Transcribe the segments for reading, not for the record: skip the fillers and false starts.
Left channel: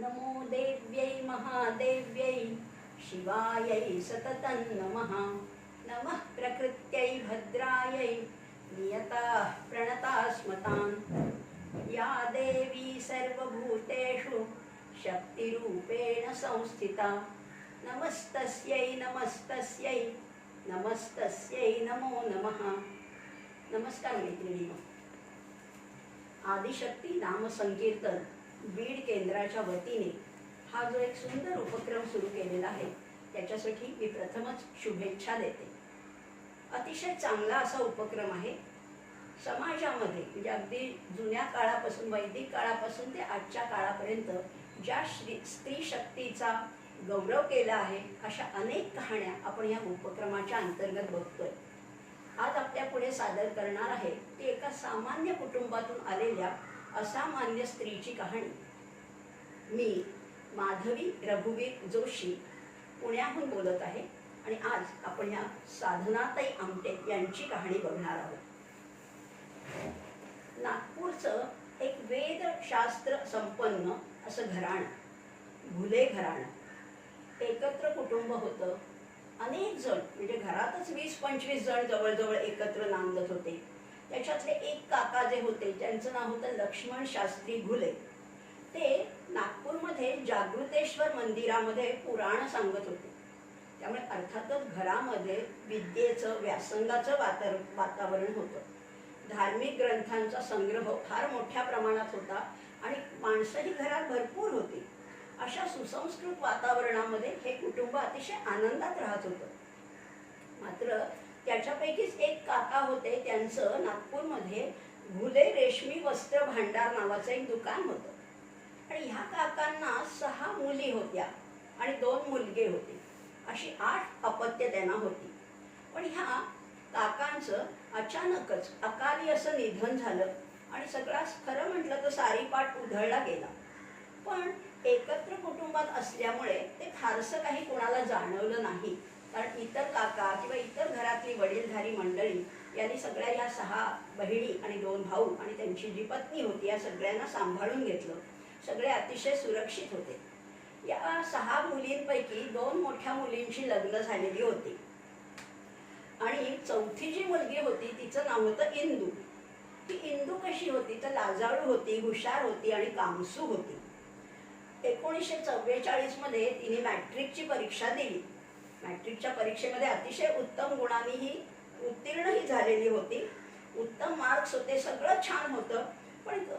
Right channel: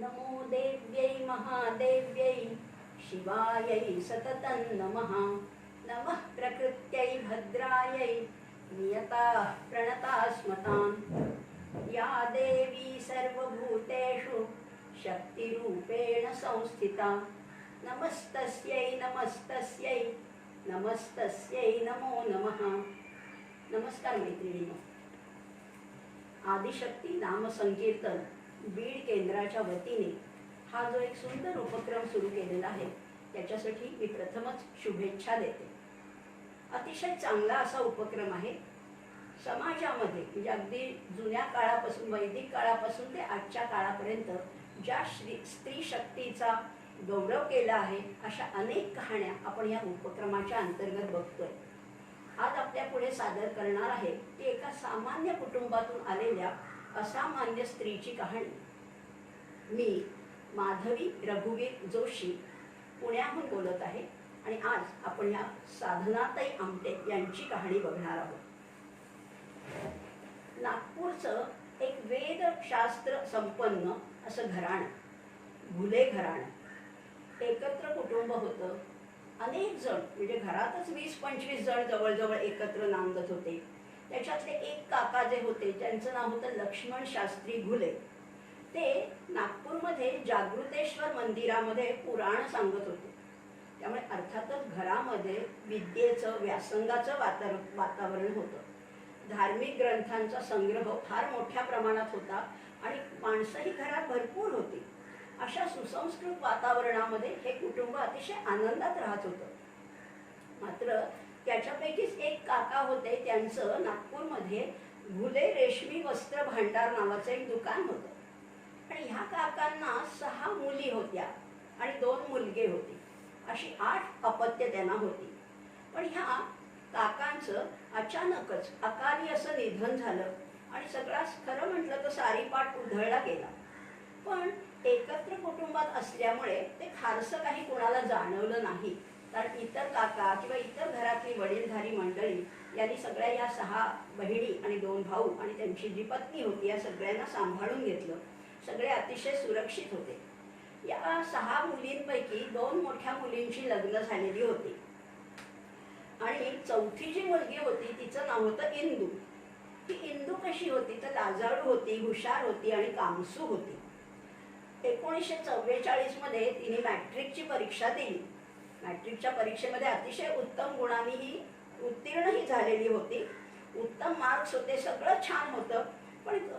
नमो देव्यै महादेव्यै शिवायै सततं नमः। नमः प्रकृत्यै भद्रायै नियताः प्रणतास्मतान्। या देवी सर्वभूतेषु शक्तिरूपेण संस्थिता। नमस्तस्यै नमस्तस्यै नमस्तस्यै नमो नमः। नमस्कार मैत्रिणींनो, आदिशक्ती नामसंकीर्तन बीड केंद्राच्या वतीने हा जो एक सुंदर उपक्रम सुरू केलेला आहे त्याच्यासाठी मी प्रथमच शुभेच्छा देते। अतिशय चांगला असा उपक्रम आहे। समाजामध्ये म्हणजे अगदी जुन्या काळापासून वैदिक काळापासून ते आजच्या काळापर्यंत ज्या स्त्री शक्तीचा गौरव केला आहे अशा अनेक कहाण्या आपण या उपक्रमाच्या अंतर्गत बघतोय। आज आपल्या पुढे सादर करणार आहे ती एका सामान्य कुटुंबातून आलेल्या असामान्य स्त्रीची कहाणी। मी माधवी रघुवीर जोशी पुण्याहून बोलत आहे आणि आज आपण या साधनाताई आमटे यांची कहाणी बघणार आहोत। नागपूरचं एक वेदशास्त्र संपन्न असं घराणं, घुले घराणं, एकत्र कुटुंब होतं। अनेक जण म्हणजे घरातच 20-25 जण जवळजवळ एकत्र नांदत होते। त्याच्यातले एक काका जे होते त्यांचं नाव होतं लक्ष्मण शास्त्री घुले। ते नागपूरमध्ये जागृतेश्वर मंदिरामध्ये पुराण सांगत होते। त्यामुळे अर्थातच घरामध्ये विद्येचं व्यासंगाचं वातावरण होतं। धार्मिक ग्रंथांचा संग्रह फार मोठ्या प्रमाणात होता आणि माणसंही घरात भरपूर होती। अशा सुसंस्कृत वातावरणामध्ये हे कुटुंब अतिशय आनंदात राहत होतं। मात्र त्याच्यापैकीच एक काका होते, त्यांचं नागपूरमध्ये घुले रेशमी वस्त्र भांडार नावाचं एक दुकान होतं आणि ह्या काकांना 6 मुली होत्या आणि 2 मुलगे होते। अशी 8 अपत्य त्यांना होती। पण ह्या काकांचं अचानकच अकाली असं निधन झालं आणि सगळा खरं म्हटलं तर सारीपाट उधळला गेला। पण एकत्र कुटुंबात असल्यामुळे ते फारसं काही कोणाला जाणवलं नाही, कारण इतर काका किंवा इतर घरातली वडीलधारी मंडळी यांनी सगळ्या या 6 बहिणी आणि 2 भाऊ आणि त्यांची जी पत्नी होती या सगळ्यांना सांभाळून घेतलं। सगळे अतिशय सुरक्षित होते। या 6 मुलींपैकी 2 मोठ्या मुलींची लग्न झालेली होती आणि चौथी जी मुलगी होती तिचं नाव होतं इंदू। ती इंदू कशी होती तर लाजाळू होती, हुशार होती आणि कामसू होती। 1944 मध्ये तिने मॅट्रिकची परीक्षा दिली। मॅट्रिकच्या परीक्षेमध्ये अतिशय उत्तम गुणांनी ही उत्तीर्णही झालेली होती। उत्तम मार्क्स होते, सगळं छान होतं।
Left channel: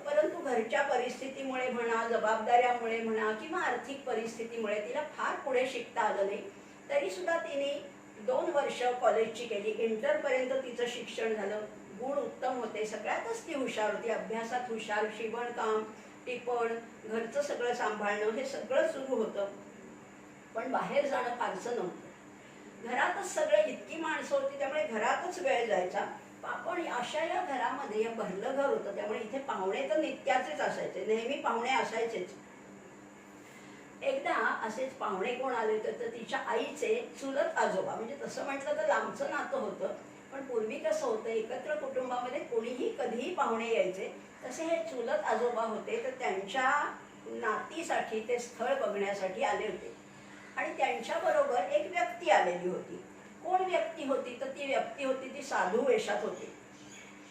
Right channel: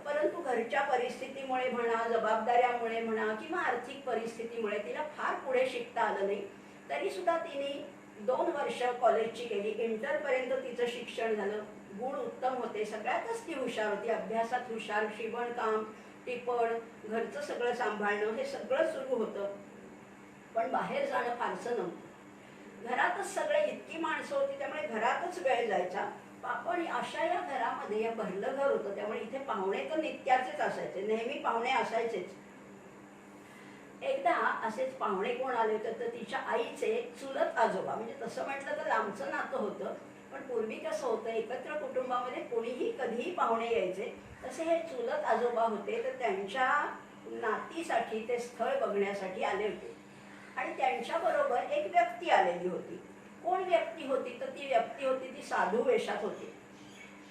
परंतु घरच्या परिस्थितीमुळे म्हणा, जबाबदाऱ्यामुळे म्हणा किंवा आर्थिक परिस्थितीमुळे तिला फार पुढे शिकता आलं नाही। तरी सुद्धा तिने 2 वर्ष कॉलेजची केली। इंटरपर्यंत तिचं शिक्षण झालं। गुण उत्तम होते, सगळ्यातच ती हुशार होती। अभ्यासात हुशार, शिवणकाम, टिपण, घरचं सगळं सांभाळणं हे सगळं सुरू होतं। पण बाहेर जाणं फारसं नव्हतं। घरातच सगळे इतकी माणसं होती त्यामुळे घरातच वेळ जायचा। पण अशा या घरामध्ये या भरलं घर होतं त्यामुळे इथे पाहुणे तर नित्याचेच असायचे, नेहमी पाहुणे असायचेच। एकदा असेच पाहुणे कोण आले होते तर तिच्या आईचे चुलत आजोबा, म्हणजे तसं म्हटलं तर लांबचं नातं होतं। पण पूर्वी कसं होतं, एकत्र कुटुंबामध्ये कोणीही कधीही पाहुणे यायचे। तसे हे चुलत आजोबा होते, तर त्यांच्या नातीसाठी ते स्थळ बघण्यासाठी आले होते आणि त्यांच्याबरोबर एक व्यक्ती आलेली होती। कोण व्यक्ती होती तर ती व्यक्ती होती ती साधू वेशात होती।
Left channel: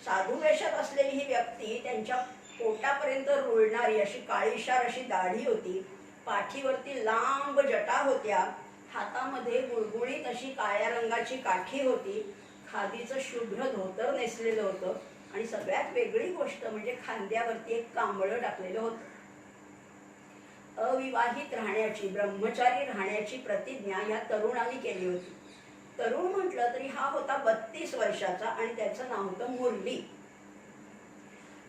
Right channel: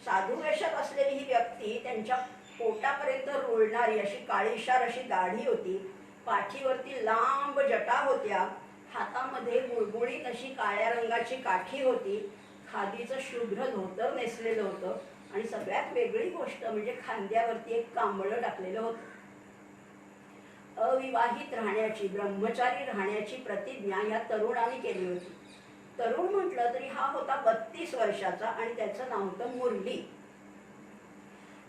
साधू वेशात असलेली ही व्यक्ती त्यांच्या पोटापर्यंत रुळणारी अशी काळीशार अशी दाढी होती, पाठीवरती लांब जटा होत्या, हातामध्ये गुळगुळीत अशी काळ्या रंगाची काठी होती, खादीचं शुभ्र धोतर नेसलेलं होतं आणि सगळ्यात वेगळी गोष्ट म्हणजे खांद्यावरती एक कांबळं टाकलेलं होतं। अविवाहित राहण्याची, ब्रह्मचारी राहण्याची प्रतिज्ञा या तरुणाने केली होती। तरुण म्हटलं तरी हा होता 32 वर्षाचा आणि त्याचं नाव होतं मुरली।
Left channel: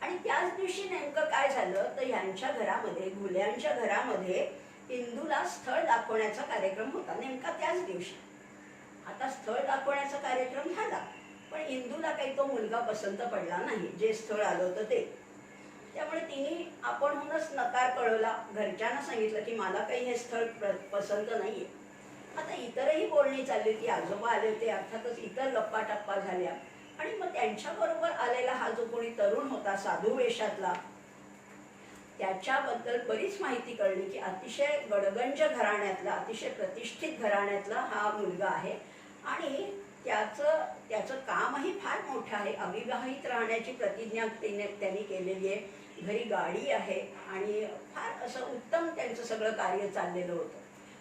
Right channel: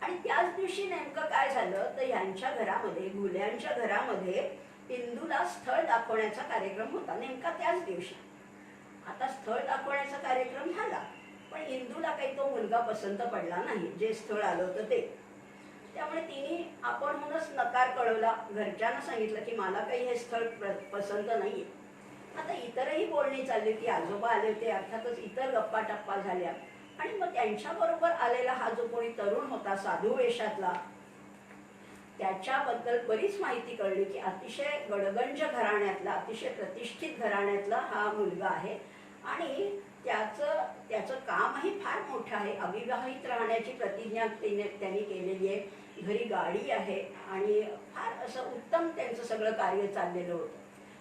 आणि त्याच दिवशी नेमकं काय झालं तर यांच्या घरामध्ये, घुल्यांच्या घरामध्ये इंदूला स्थळ दाखवण्याचा कार्यक्रम होता नेमका त्याच दिवशी। आता स्थळ दाखवण्याचा कार्यक्रम झाला पण इंदूला काही तो मुलगा पसंत पडला नाही, जे स्थळ आलं होतं ते। त्यामुळे तिने आपणहूनच नकार कळवला। घरच्यांना सांगितलं की मला काही हे स्थळ पसंत नाहीये। आता इतरही बोलणी चालली होती, आजोबा आले होते, अर्थातच इतर गप्पा टप्पा झाल्या आणि मग त्यांच्याबरोबर आलेला हा जो कोणी तरुण होता साधू वेशातला त्याच्याबद्दल बरीच माहिती कळली की अतिशय गडगंज घराण्यातला, अतिशय प्रतिष्ठित घराण्यातला हा मुलगा आहे आणि त्याचं कामही फार मोठं आहे. अविवाहित राहण्याची प्रतिज्ञा त्यांनी केलेली आहे. घरी गाडी आहे आणि फार असं उत्तम त्यांचं सगळं कार्य चाललेलं होतं.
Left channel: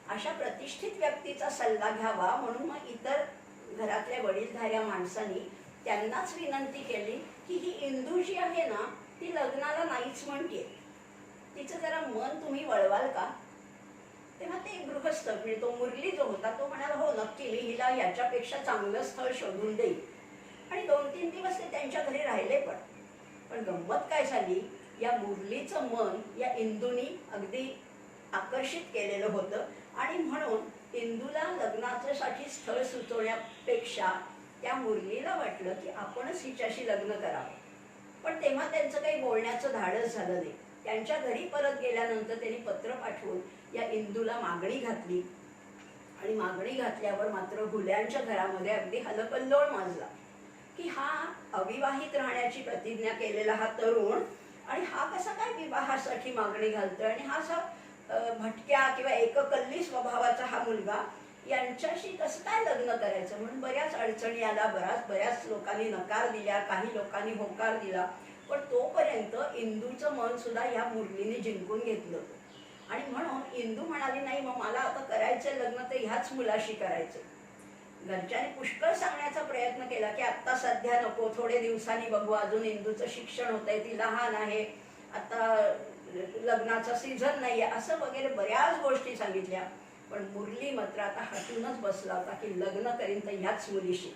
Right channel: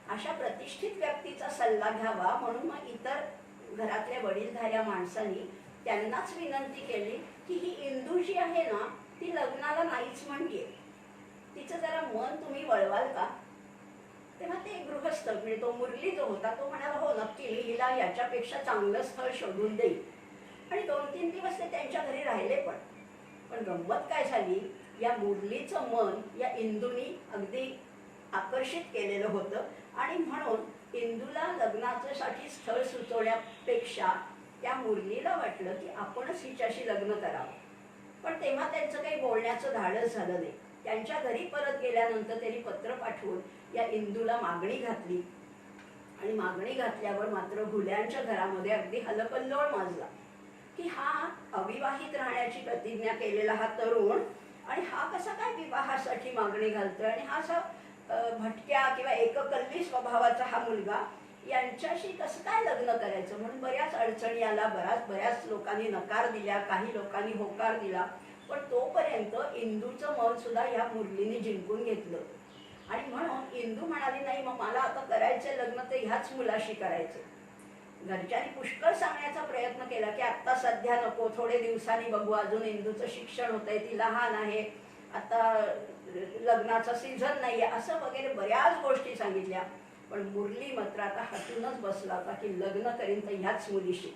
अशा प्रतिष्ठित व्यक्तीचा सल्ला घ्यावा म्हणून मग इतर घरातल्या वडीलधाऱ्या माणसांनी त्यांनाच विनंती केली की ही इंदू जी आहे ना ती लग्नाला नाहीच म्हणते, तिचं जरा मन तुम्ही वळवाल का? तेव्हा ते गृहस्थ म्हणजे तो मुरली जो होता तो म्हणाला हो नक्की, मी हिला याच्यापेक्षा चांगलं स्थळ शोधून देईल. आणि 2-3 दिवस ते त्यांच्या घरी राहिले. पण गंमत काय झाली, या मुरलीचं मन या इंदूनी अगदी आकर्षित केलेलं होतं आणि म्हणून इंदूला लग्नाच्यासाठी स्थळ सुचवण्यापेक्षा त्या मुरलीला वाटलं की आपणच हिच्याशी लग्न करावं. पण तेव्हा त्यांचं काही बोलण्याचं धाडस झालं नाही. त्यांच्या घरी परत गेल्यानंतर त्यांनी पत्र पाठवून या इंदूला मागणी घातली आणि मागणी घातल्यावर मात्र हुल्यांच्या घरामध्ये अगदी हलकल्लोळ माजला की हा अविवाहित राहण्याची प्रतिज्ञा केलेला हा तरुण आणि हा कसा काय विवाहासाठी मागणी घालतोय आणि हा असा भटक्या किंवा एककल्ली स्वभावाचा हा मुलगा यांच्याशी कसं काय लग्न करायचं. म्हणून बऱ्याच अडचणी आला, बऱ्याच लोकांनी नकार दिल्या, काही लोकांनी होकार दिला. पण तोपर्यंत इंदूचं मन सुद्धा या मुरलीने जिंकून घेतलं होतं आणि म्हणून इंदू म्हणाली नाही मग मला आता करायचंय लग्न तर ह्याच मुलाशी करायचं. घरच्यांनी पुष्कळ सांगण्याचा प्रयत्न केला की आत्ता सध्या नको, थोडे दिवसांनी बघू, अजून इंदूचं शिक्षण होतंय, ती लहान आहे, आता लग्नाचा सीझन नाहीये, असं वगैरे बऱ्याच गोष्टी सांगितल्या. पण मुरली मात्र आता हटूनच बसला होता की लग्न करीन तर ह्याच मुलीशी.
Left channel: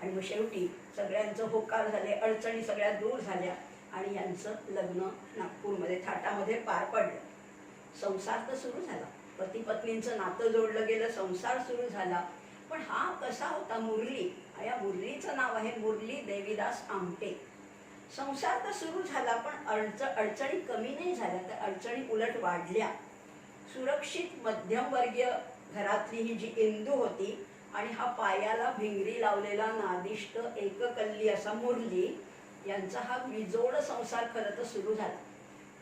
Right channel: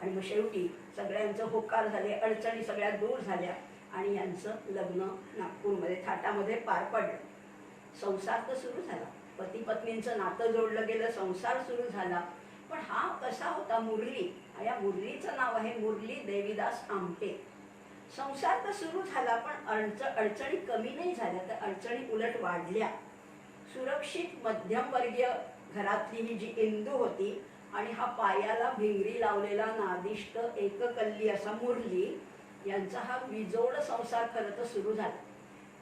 आणि मग शेवटी सगळ्यांचं होकार झाले, अडचणी सगळ्या दूर झाल्या आणि यांचं लग्न नागपूरमध्ये थाटामध्ये पार पडलं. संसार तर सुरू झाला, पती पत्नींचं नातं जोडलं गेलं, संसार सुरू झाला. पण हा कसा होता मुरली, या मुरलीचं नाव आहे मुरली देवीदास आमटे. संसार तर सुरू झाला पण अडचणी कमी नाही झाल्या, तर अडचणी उलट वाढल्या. सुरक्षित मध्यमवर्गीय घरातली ही जी इंदू होती आणि हा पायाला भिंगरी लावलेला नादिष्ट एककल्ली असा मुरली यांचा हा विजोड संसार खरं तर सुरू झाला.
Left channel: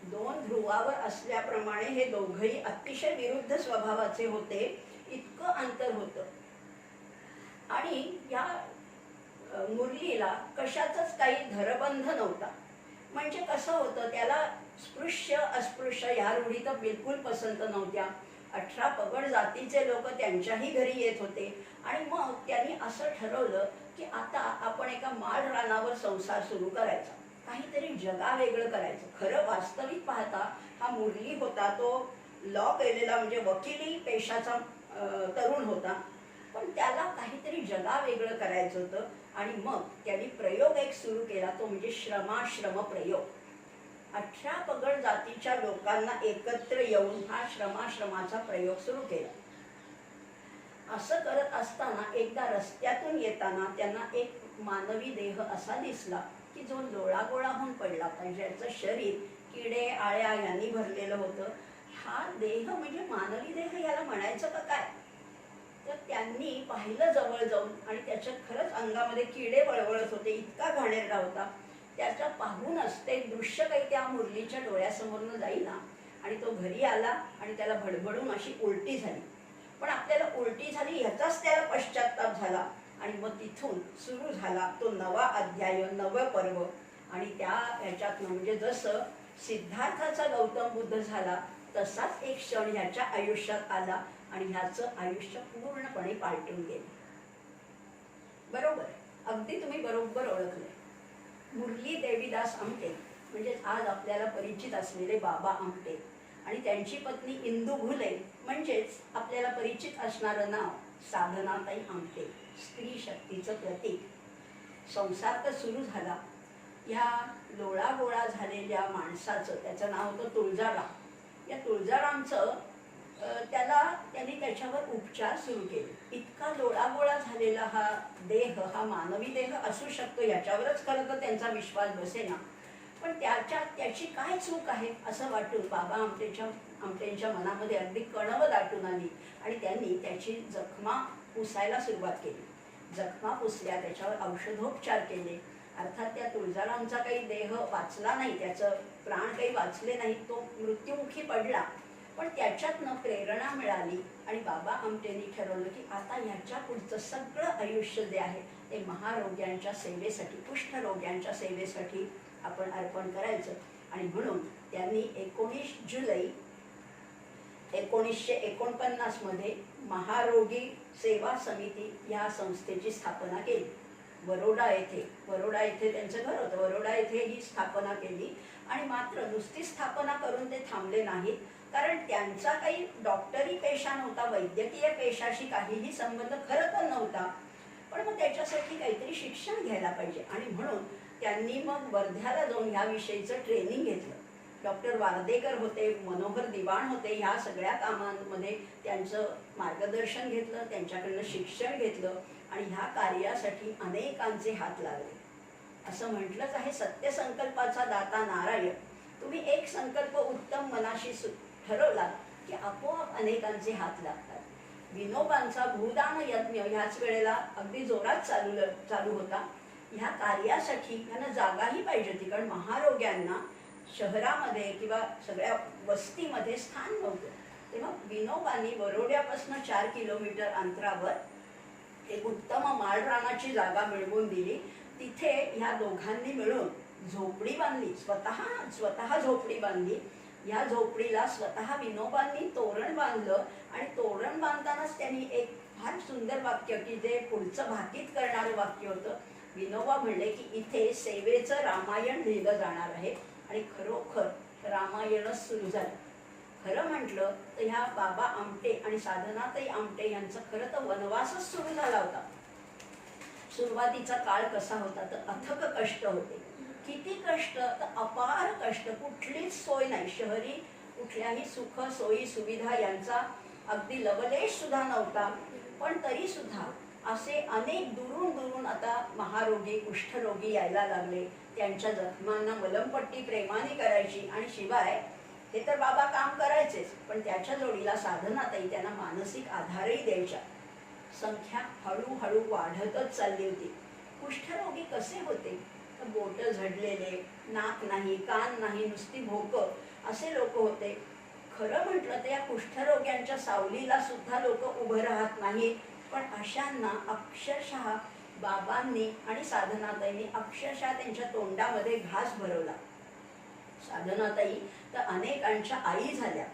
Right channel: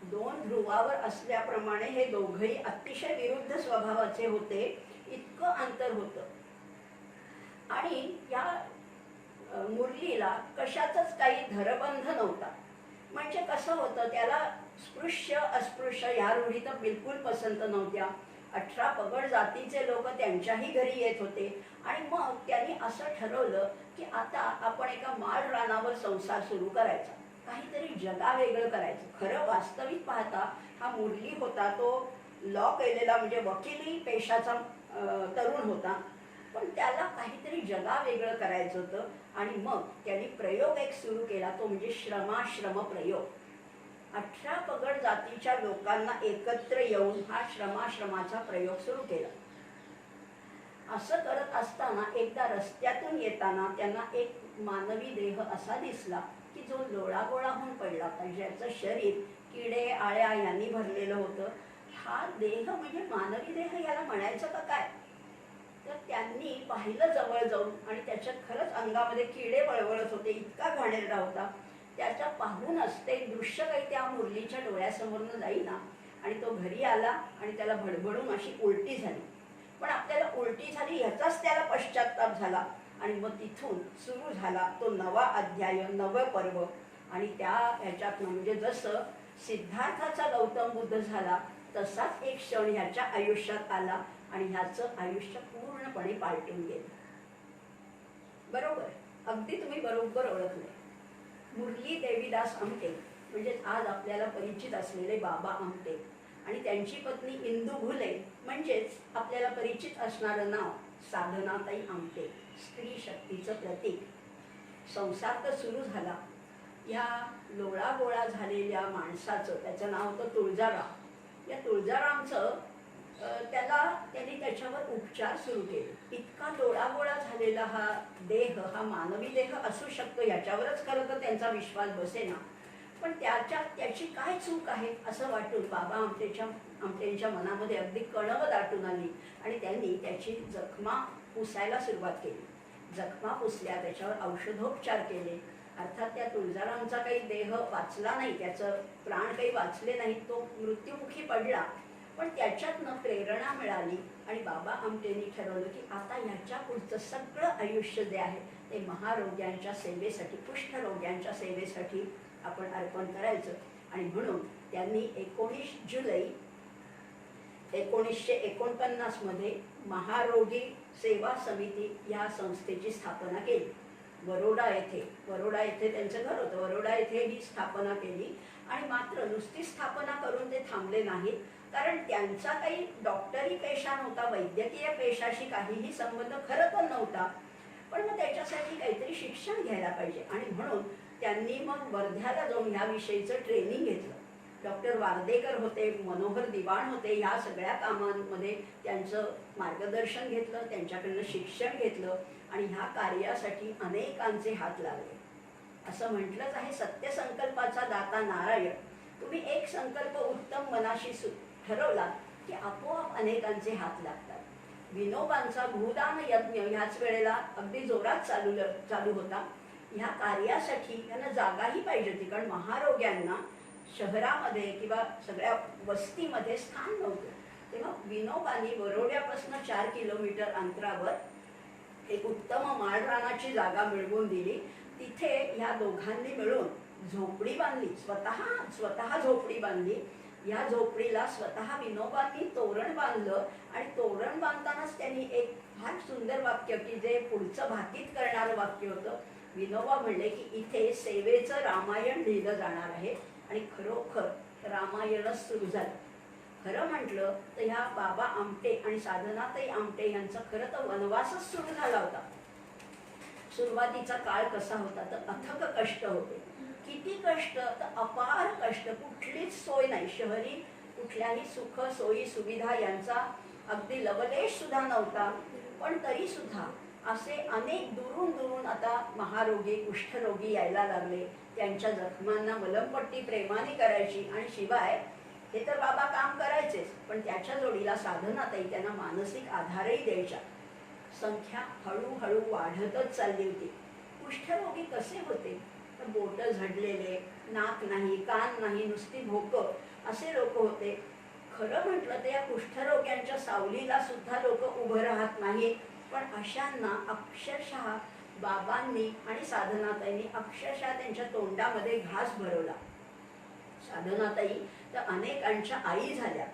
2 ध्रुवावर असल्याप्रमाणे हे दोघंही अतिशय विरुद्ध स्वभावाचे होते, इतकं अंतर होतं. आणि या मुरलीला कशाचाच काही धरबंध नव्हता. म्हणजे कसं होतं, त्याला स्पृश्य अस्पृश्य ह्या रूढी तर बिलकुल पसंत नव्हत्या. 18 पगड जातीचे लोक त्यांच्याही घरी येत होते आणि मग त्यांनी असं ठरवलं की आता आपण एका माळ रानावर संसार सुरू करायचा, काहीतरी जगावेगळं करायचं. खरं वास्तविक पाहता हा मुरली होता तो लॉ केलेला म्हणजे वकिली पेशाचा तरुण होता, पण त्याला काहीतरी जगावेगळं करायचं होतं. आणि मग त्यांनी प्रयोग एक सुरू केला, तो म्हणजे श्रमाश्रम प्रयोग. 18 पगड जातीच्या लोकांना एकत्र येऊन हा श्रमाश्रमाचा प्रयोग सुरू केला. असं करत असताना एकदा रस्त्यातून येताना त्यांना एक मानवी देह असा दिसला की जो लोळागोळा होऊन पडला होता, ज्याचं शरीर किडे आळ्या यांनी भरलेलं होतं. हा देह म्हणजे मानवी देह याला म्हणायचं का काय? तर त्यांनी पाहिलं जवळ जाऊन आणि त्याच्यात खरंच अंगामध्ये किडे वळवळत होते, इतका घाणेरडा होता. त्याच्या पाहूनच ते दृश्य काही त्या मुरलीच्या डोळ्यासमोरनं जाईना आणि तो घरी आला आणि त्याला भडभडून अशी उलटी झाली. पण आपल्याला उलटी झाली ह्याचाच त्याला पश्चाताप झाला आणि मग तिथून सुरू झाला तो नवा अध्याय, नवं पर्व. आणि त्या ह्याच्यातनं म्हणजे जसं सिद्धार्थाचा गौतम बुद्ध झाला तसाच एक क्षण ह्याच्या आयुष्यात आला आणि ह्याचं आयुष्य पूर्णपणे पालटून गेलं. बरोबर, अगदी तुम्ही बरोबर ओळखले. मुरली देवीदास आमटे म्हणजे आज आपल्याला परिचित असलेले बाबा आमटे आणि त्यांची पत्नी इंदू घुले म्हणजेच आपल्याला परिचित असणारं नाव साधनाताई आमटे, स्त्री शक्तीचं प्रतीक. संसार तर सुरू झाला. ह्या लोळागोळा झालेल्या माणसाचं, त्याचं नाव होतं तुळजाराम. या तुळजारामचं त्यांनी त्याच्यावर उपचार सुरू केले. इतका लोळागोळा झालेला हा देह, हा मानवी देह असू शकतो याच्यावरच खरं तर त्यांचा विश्वास बसेना. पण त्याची काय चूक आहे असं वाटून बाबा आमटेंच्या मनामध्ये अगदी कणव दाटून आली आणि त्यांनी त्याची जखमा पुसायला सुरुवात केली. जखमा पुसल्या, त्याच्यावर औषधोपचार केले अर्थात त्या तुळजारामचा काही देह वाचला नाही, त्याचं प्राण काही वाचले नाही, तो मृत्युमुखी पडला. पण त्याच्यातनं प्रेरणा मिळाली आणि बाबा आमटेंनी ठरवलं की आता ह्याच्या पुढचं सगळं आयुष्य जे आहे ते महारोग्यांच्या सेवेसाठी, कुष्ठरोग्यांच्या सेवेसाठी आपण अर्पण करायचं. आणि म्हणून त्यांनी 19 जुलै 1949 मध्ये महारोगी सेवा समिती या संस्थेची स्थापना केली. बरोडा येथे त्यांचं घर होतं. बरोडा येथे ही स्थापना केली. आणि मात्र नुसती स्थापना करून ते थांबले नाहीत, कारण त्यांचा काही डॉक्टरी पेशा नव्हता, वैद्यकीय पेशाशी काहीही संबंध खरं तर नव्हता. पण मग त्याच्यासाठी काहीतरी शिक्षण घ्यायला पाहिजे. आणि म्हणून त्यांनी मग वर्ध्याला जाऊन ह्याविषयीचं ट्रेनिंग घेतलं. डॉक्टर वार्देकर होते, मनोहर दिवाण होते, ह्या सगळ्या कामांमध्ये त्यांचं मार्गदर्शन घेतलं, त्यांच्याकडनं शिक्षण घेतलं आणि ह्या कार्यासाठी अनेकांचे हात लागले. असं म्हटलंच आहे, सत्यसंकल्पाचा दाता नारायण. तुम्ही एक संकल्प उत्तम मनाशी ठरवलात की आपोआप अनेकांचे हात लागतात. विनोबांचा भूदान यज्ञ ह्याच वेळेला अगदी जोरात चालू होता. ह्या कार्यासाठी त्यांना जागाही पाहिजे होती, कारण महारोग्यांना शहरामध्ये किंवा सगळ्या वस्तीमध्ये स्थान नव्हतं. तेव्हा विनोबांनी बरोड्यापासून 4 किलोमीटर अंतरावर एक उत्तम माळरानाची जागा मिळवून दिली. तिथे ह्या दोघांनी मिळून झोपडी बांधली, स्वतः झोपडी बांधली. या झोपडीला स्वतः विनोबांनी तोरण बांधलं. आणि तोरण बांधतानाच त्यांनी एक फार सुंदर वाक्य, की जे पुढचं भाकीत करणारं वाक्य होतं. विनोबा म्हणले की इथे सेवेचं रामायण लिहिलं जाणार आहे. आणि खरोखर रामायणच सुरू झालं. खरं म्हटलं तर ह्या बाबा आमटे आणि साधनाताई आमटे यांचा खरं तर वनवासच सुरू झाला होता. सुरुवातीचा काळ कसा होता तर अथक कष्ट होते. किती कष्ट तर अपार कष्ट, कुठलीच सोय नाही. शहरी कुठल्याही सुख सोयी सुविधा यांचा अगदी लवलेश सुद्धा नव्हता. पण तरी सुद्धा असे अनेक दुरून आता महारोगी कुष्ठरोगी यायला लागले. त्यांच्या जखमांना मलमपट्टी प्रेमाने करायची. आणि शिवाय हे तर बाबा काम करायचेच, पण त्याच्या जोडीला साधनाताई त्यांना मानसिक आधारही द्यायच्या. संख्या हळूहळू वाढतच चालली होती. कुष्ठरोगी कसे होते तर बोट झडलेले, नाक नाही, कान नाही, नुसती भोकं असे लोक होते. खरं म्हटलं तर या कुष्ठरोग्यांच्या सावलीला सुद्धा लोक उभं राहत नाही. पण अशांना अक्षरशः बाबांनी आणि साधनाताईंनी अक्षरशः त्यांच्या तोंडामध्ये घास भरवला. साधनाताई तर अनेकांच्या आई झाल्या.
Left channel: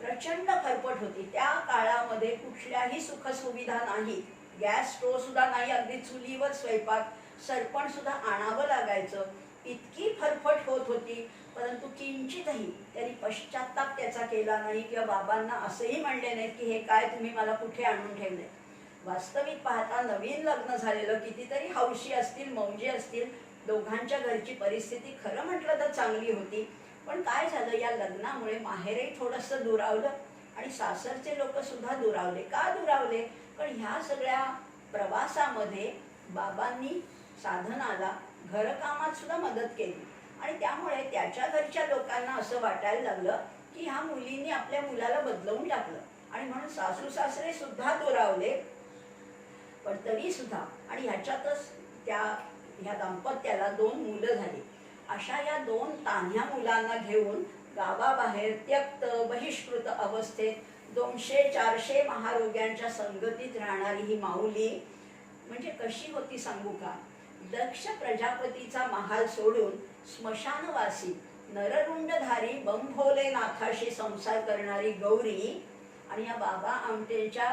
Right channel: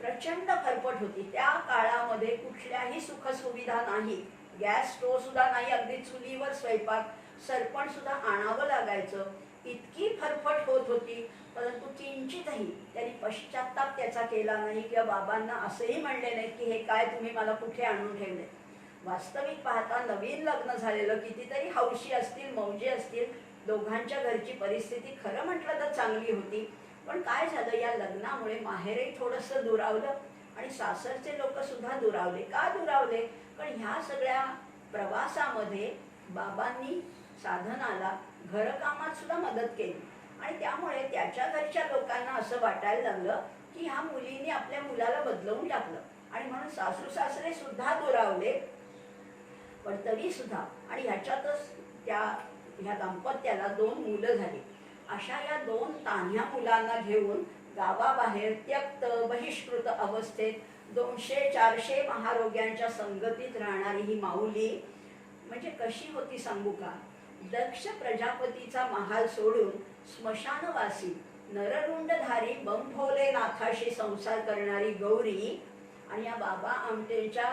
प्रचंड फरफट होती. त्या काळामध्ये कुठल्याही सुखसुविधा नाही, गॅस स्टोव्ह सुद्धा नाही, अगदी चुलीवर स्वयंपाक, सरपण सुद्धा आणावं लागायचं. इतकी फरफट होत होती. परंतु किंचितही त्यांनी पश्चाताप त्याचा केला नाही किंवा बाबांना असंही म्हणले नाहीत की हे काय तुम्ही मला कुठे आणून ठेवले. वास्तविक पाहता नवीन लग्न झालेलं कितीतरी हौशी असतील, मौजी असतील. दोघांच्या घरची परिस्थिती खरं म्हटलं तर चांगली होती. पण काय झालं, या लग्नामुळे माहेरही थोडंसं दुरावलं आणि सासरचे लोक सुद्धा दुरावले. का दुरावले? कारण ह्या सगळ्या प्रवासामध्ये बाबांनी साधनाला घरकामात सुद्धा मदत केली. आणि त्यामुळे त्याच्या घरच्या लोकांना असं वाटायला लागलं की ह्या मुलींनी आपल्या मुलाला बदलवून टाकलं. आणि म्हणून सासू सासरे सुद्धा दुरावले. पण तरी सुद्धा आणि ह्याच्यातच ह्या दाम्पत्याला 2 मुलं झाली. अशा या 2 तान्ह्या मुलांना घेऊन गावाबाहेर त्यक्त बहिष्कृत अवस्थेत 200-400 महारोग्यांच्या संगतीत राहणारी ही माऊली म्हणजे कशी होती सांगू का? दक्ष प्रजापतीचा महाल सोडून स्मशानवासी नररुंडधारी बंभोलेनाथाशी संसार करणारी गौरी आणि या बाबा आमटेंच्या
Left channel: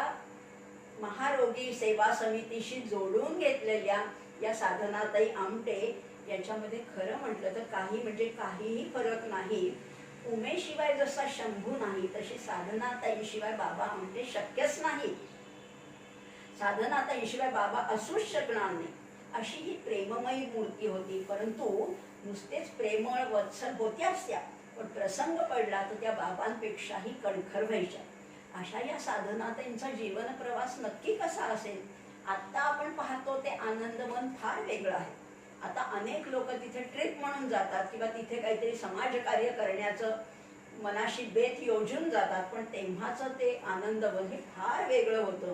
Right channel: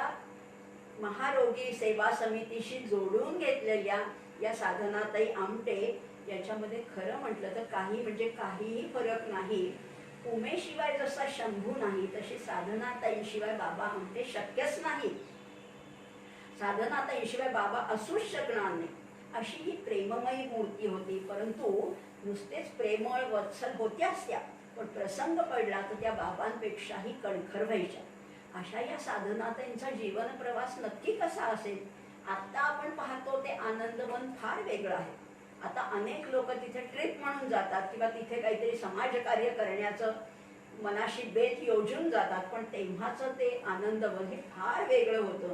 महारोगी सेवा समितीशी जोडून घेतलेल्या या साधनाताई आमटे याच्यामध्ये खरं म्हटलं तर काहीही फरक नाही. उमेशिवाय जसा शंभू नाही तशी साधनाताईंशिवाय बाबा आमटे शक्यच नाही. साधनाताईंशिवाय बाबा असूच शकणार नाही. अशी ही प्रेममयी मूर्ती होती. परंतु नुसतेच प्रेमळ वत्सल होत्याच त्या, पण प्रसंग पडला तर त्या बाबांपेक्षाही कणखर व्हायच्या. अशा या साधनाताईंचा जीवन प्रवास नक्की कसा असेल? आता आपण पाहतो ते आनंदवन फार वेगळं आहे. आता अनेक लोक तिथे ट्रिप म्हणून जातात किंवा तिथे काहीतरी समाजकार्य करण्याचं मनाशी बेत योजून जातात. पण तेव्हाचं ते आनंदवन हे फार वेगळं होतं.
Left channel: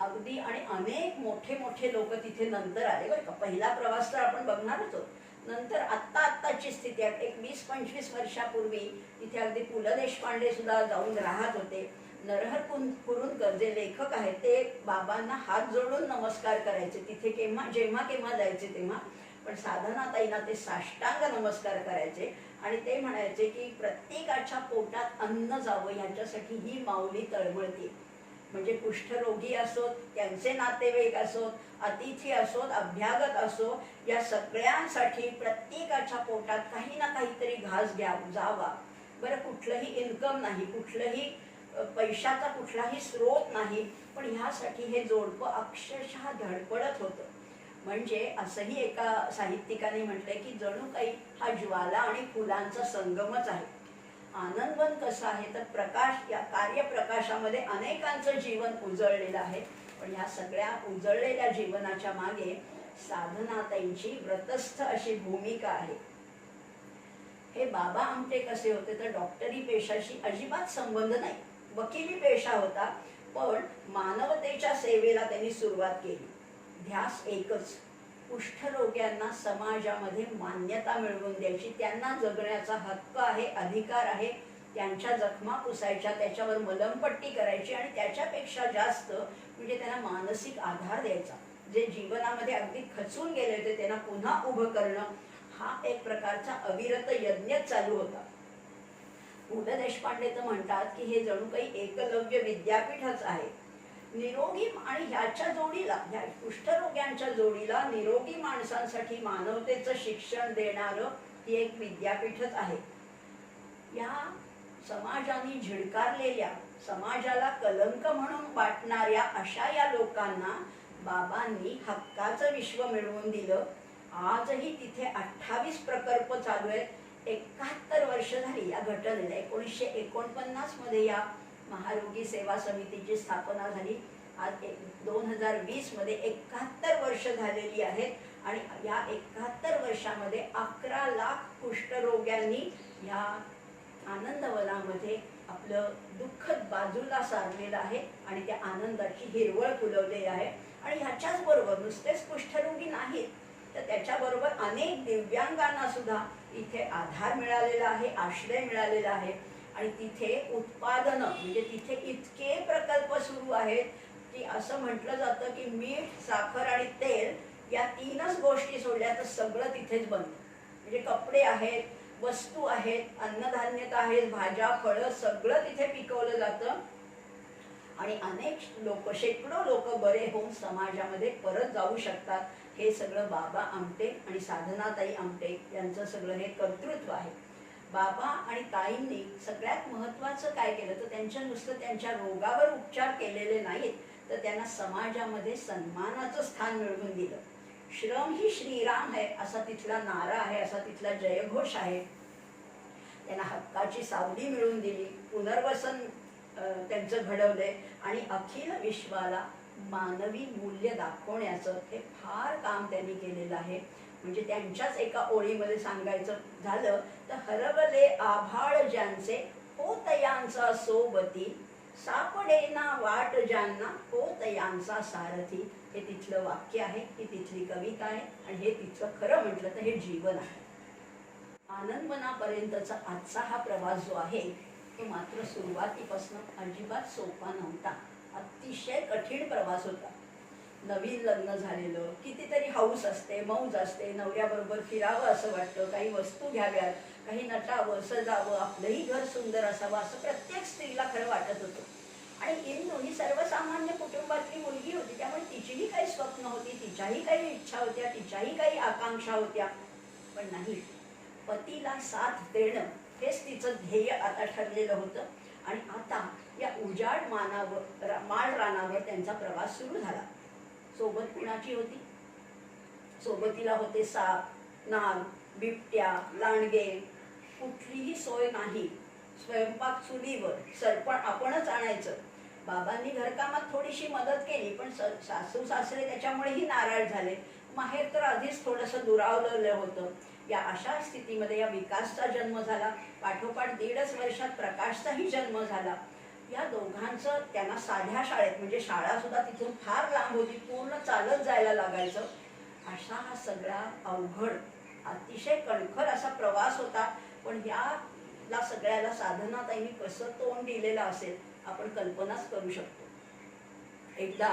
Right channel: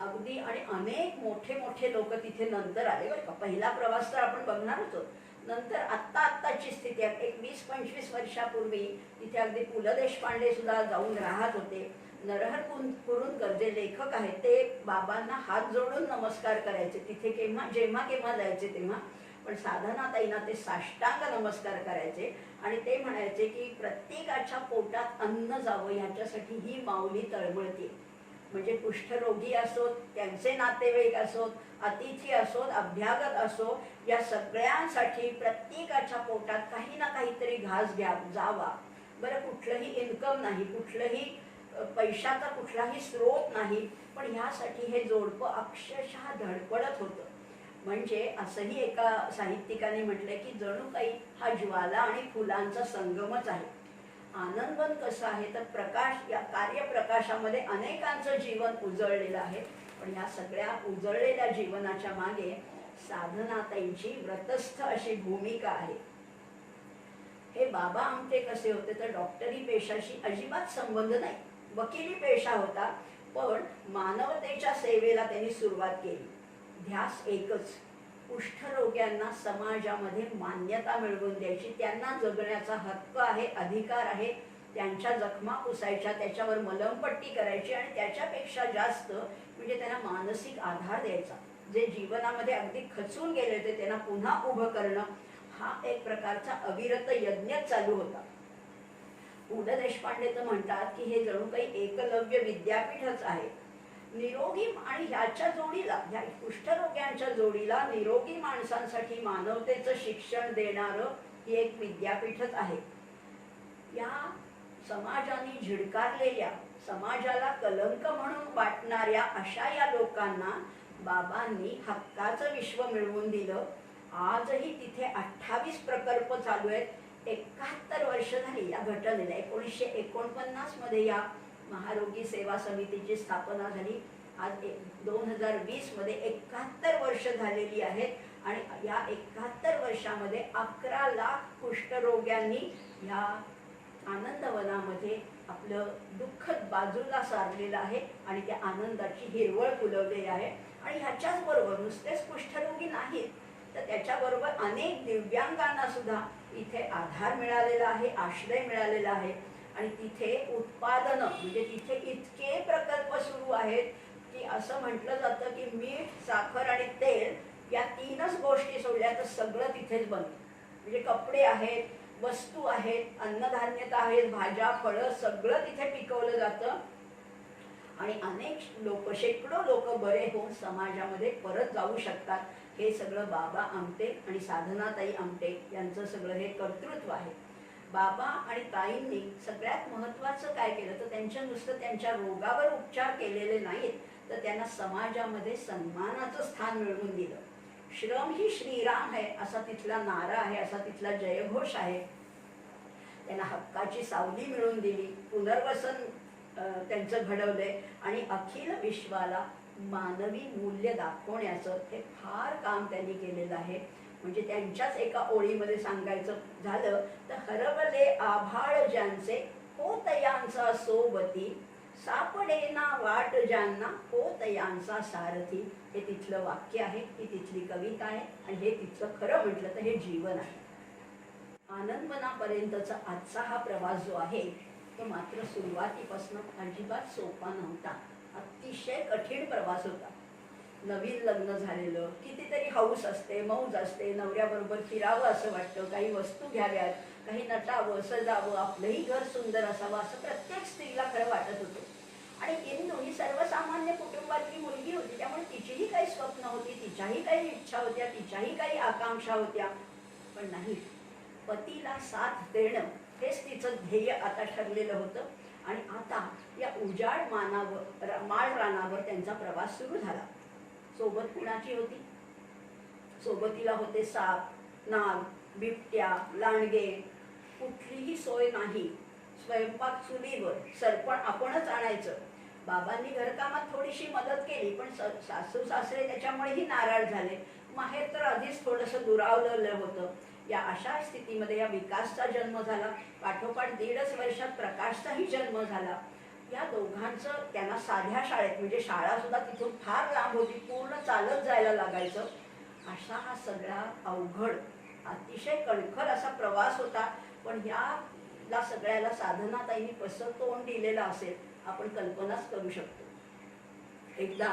अगदी आणि अनेक मोठे मोठे लोक तिथे नंतर आले बरं का. पहिला प्रवास तर आपण बघणारच होतो. नंतर आत्ताची स्थिती आहे, एक 20-25 वर्षापूर्वी तिथे अगदी पु ल देशपांडे सुद्धा जाऊन राहत होते. नरहर कुरुंदकर जे लेखक आहेत ते बाबांना हात जोडून नमस्कार करायचे तिथे, जेव्हा जायचे तेव्हा. पण साधनाताईंना ते साष्टांग नमस्कार करायचे आणि ते म्हणायचे की प्रत्येकाच्या पोटात अन्न जावं याच्यासाठी ही माऊली तळमळते. म्हणजे कुष्ठरोगी असोत, त्यांचे नातेवाईक असोत, अतिथी असोत, अभ्यागत असो, या सगळ्यांसाठी प्रत्येकाच्या पोटात काही ना काहीतरी घास जावा. बरं, कुठलंही इन्कम नाही, कुठलंही पैशाचा कुठलाही स्रोत नाही, पण ह्यासाठी हे जोडपं अक्षरशः धडपडत होतं. म्हणजे असंही एका साहित्यिकाने म्हटलंय की जणू काही हा ज्वाला आणि फुलांचा संगमच आहे. आनंदवन कसं आहे तर प्रकाश, या कार्यप्रकाशामध्ये अनेकांचं जीवन उजळलेलं आहे. पण ह्या सगळ्या उजळलेल्या जीवनाच्या मागे साधनाताईंची व्रतस्थ अशी भूमिका आहे. हे बाबा आमटे कसे होते तर डॉक्टरी पेशाशी अजिबात संबंध नाही, वकिली पेशा होता, पण मानवतेच्या सेवेला त्यांनी सुरुवात केली. ध्यास एकच, कुष्ठरोग्यांना समाजामध्ये मान्यता मिळवून द्यायची, त्यांना जगण्याचा हक्क आहे, अधिकार आहे, त्यांच्या जखमा पुसायच्या, त्याच्यावर मलमपट्टी करायची आणि त्याच्यापेक्षा जास्त म्हणजे त्यांना मानसिक आधार द्यायचा. जे जीवनामध्ये अगदी खचून गेले होते त्यांना पुन्हा उभं करणं, हा एक प्रकारचा अविरत यज्ञच चालू होता. पु ल देशपांडे तर म्हणतात की हे जणू काही एकलव्य विद्यापीठच आहे. निरोगी आणि ह्याच्या जोडीला, ह्या कुष्ठरोग्यांच्या जोडीला निरोगी माणसांसाठी मानवतेचं शिक्षण देणारं ही एक विद्यापीठच आहे. या समाजाने झिडकारलेल्या, समाजाला कलंक म्हणून वाटणाऱ्या अशा या लोकांना बाबांनी हक्काचं विश्व मिळवून दिलं. आजही तिथे 28 प्रकल्प चालू आहेत. 71 वर्ष झाली या घटनेला. 1949 मध्ये या महारोगी सेवा समितीची स्थापना झाली. आज 2020 मध्ये 71 वर्ष झालेली आहेत आणि या 71 वर्षामध्ये 11 लाख कुष्ठरोग्यांनी या आनंदवनामध्ये आपलं दुःख बाजूला सारलेलं आहे आणि त्या आनंदाची हिरवळ फुलवलेली आहे. आणि ह्याच्याच बरोबर नुसतेच कुष्ठरोगी नाहीत, तर त्याच्याबरोबर अनेक दिव्यांगांना सुद्धा इथे आधार मिळालेला आहे, आश्रय मिळालेला आहे. आणि तिथे उत्पादनं, म्हणजे तिथे इतके प्रकल्प सुरू आहेत की असं म्हटलं जातं की मीठ, साखर आणि तेल या 3च गोष्टी सोडल्या तर सगळं तिथेच बनतं. म्हणजे कपडे आहेत, वस्तू आहेत, अन्नधान्यता आहेत, भाज्या, फळं सगळं तिथे पिकवलं जातं. आणि अनेक लोक, शेकडो लोक बरे होऊन समाजामध्ये परत जाऊ शकतात. हे सगळं बाबा आमटे आणि साधनाताई आमटे यांचं सगळं हे कर्तृत्व आहे. बाबा आणि ताईंनी सगळ्यात महत्त्वाचं काय केलं तर नुसतं त्यांच्या रोगावर उपचार केलेले नाहीत, तर त्यांना समाजामध्ये सन्मानाचं स्थान मिळवून दिलं. श्रम ही श्रीराम है असा तिथला नारा आहे, असा तिथला जयघोष आहे. त्यांना हक्काची सावली मिळवून दिली, पुनर्वसन त्यांचं घडवलंय आणि अखिल विश्वाला मानवी मूल्य दाखवण्याचं हे फार काम त्यांनी केलेलं आहे. म्हणजे त्यांच्याच एका ओळीमध्ये सांगायचं झालं तर हरवले आभाळ ज्यांचे होतयांचा सोबती, सापडेना वाट ज्यांना होतयांचा सारथी. हे तिथलं वाक्य आहे, ही तिथली कविता आहे आणि हे तिथलं खरं म्हटलं तर हे जीवन आहे. आनंदवनापर्यंतचा आजचा हा प्रवास जो आहे तो मात्र सुरुवातीपासून अजिबात सोपा नव्हता. अतिशय कठीण प्रवास होता. नवीन लग्न झालेलं, कितीतरी हौस असते, मौज असते, नवऱ्याबरोबर फिरावं असं वाटतं, काही वस्तू घ्याव्यात, काही नटावं, सजावं, आपलंही घर सुंदर असावं असं प्रत्येक स्त्रीला खरं वाटत होतं. आणि इंदू ही सर्वसामान्य कुटुंबातली मुलगी होती, त्यामुळे तिचीही काही स्वप्न होती, तिच्याही काही इच्छा होत्या, तिच्याही काही आकांक्षा होत्या. पण नाही, पतीला साथ देणं हेच तिचं ध्येय आता ठरलेलं होतं. आणि आता या उजाड माळ रानावर त्यांचा प्रवास सुरू झाला. सोबत कुणाची होती? सोबतीला होते साप, नाग, बिबट्या, लांडगे. कुठलीही सोय नाही. स्वयंपाक चुलीवर, सरपण आपणच आणायचं. बाबांनी घरकामात थोडीशी मदत केली, पण सासू सासरे त्याच्यामुळेही नाराज झाले. माहेर तर आधीच थोडंसं दुरावलेलं होतं. या अशा स्थितीमध्ये या विकासचा जन्म झाला. पाठोपाठ 1.5 वर्षात प्रकाशचाही जन्म झाला. या दोघांचं त्यांना साध्या शाळेत, म्हणजे शाळा सुद्धा तिथून फार लांब होती, पूर्ण चालत जायला लागायचं. असा हा सगळा अवघड अतिशय कणखर असा प्रवास होता. पण ह्याला सगळ्याला साधनाताईंनी कसं तोंड दिलेलं असेल आपण कल्पनाच करू शकतो. एकदा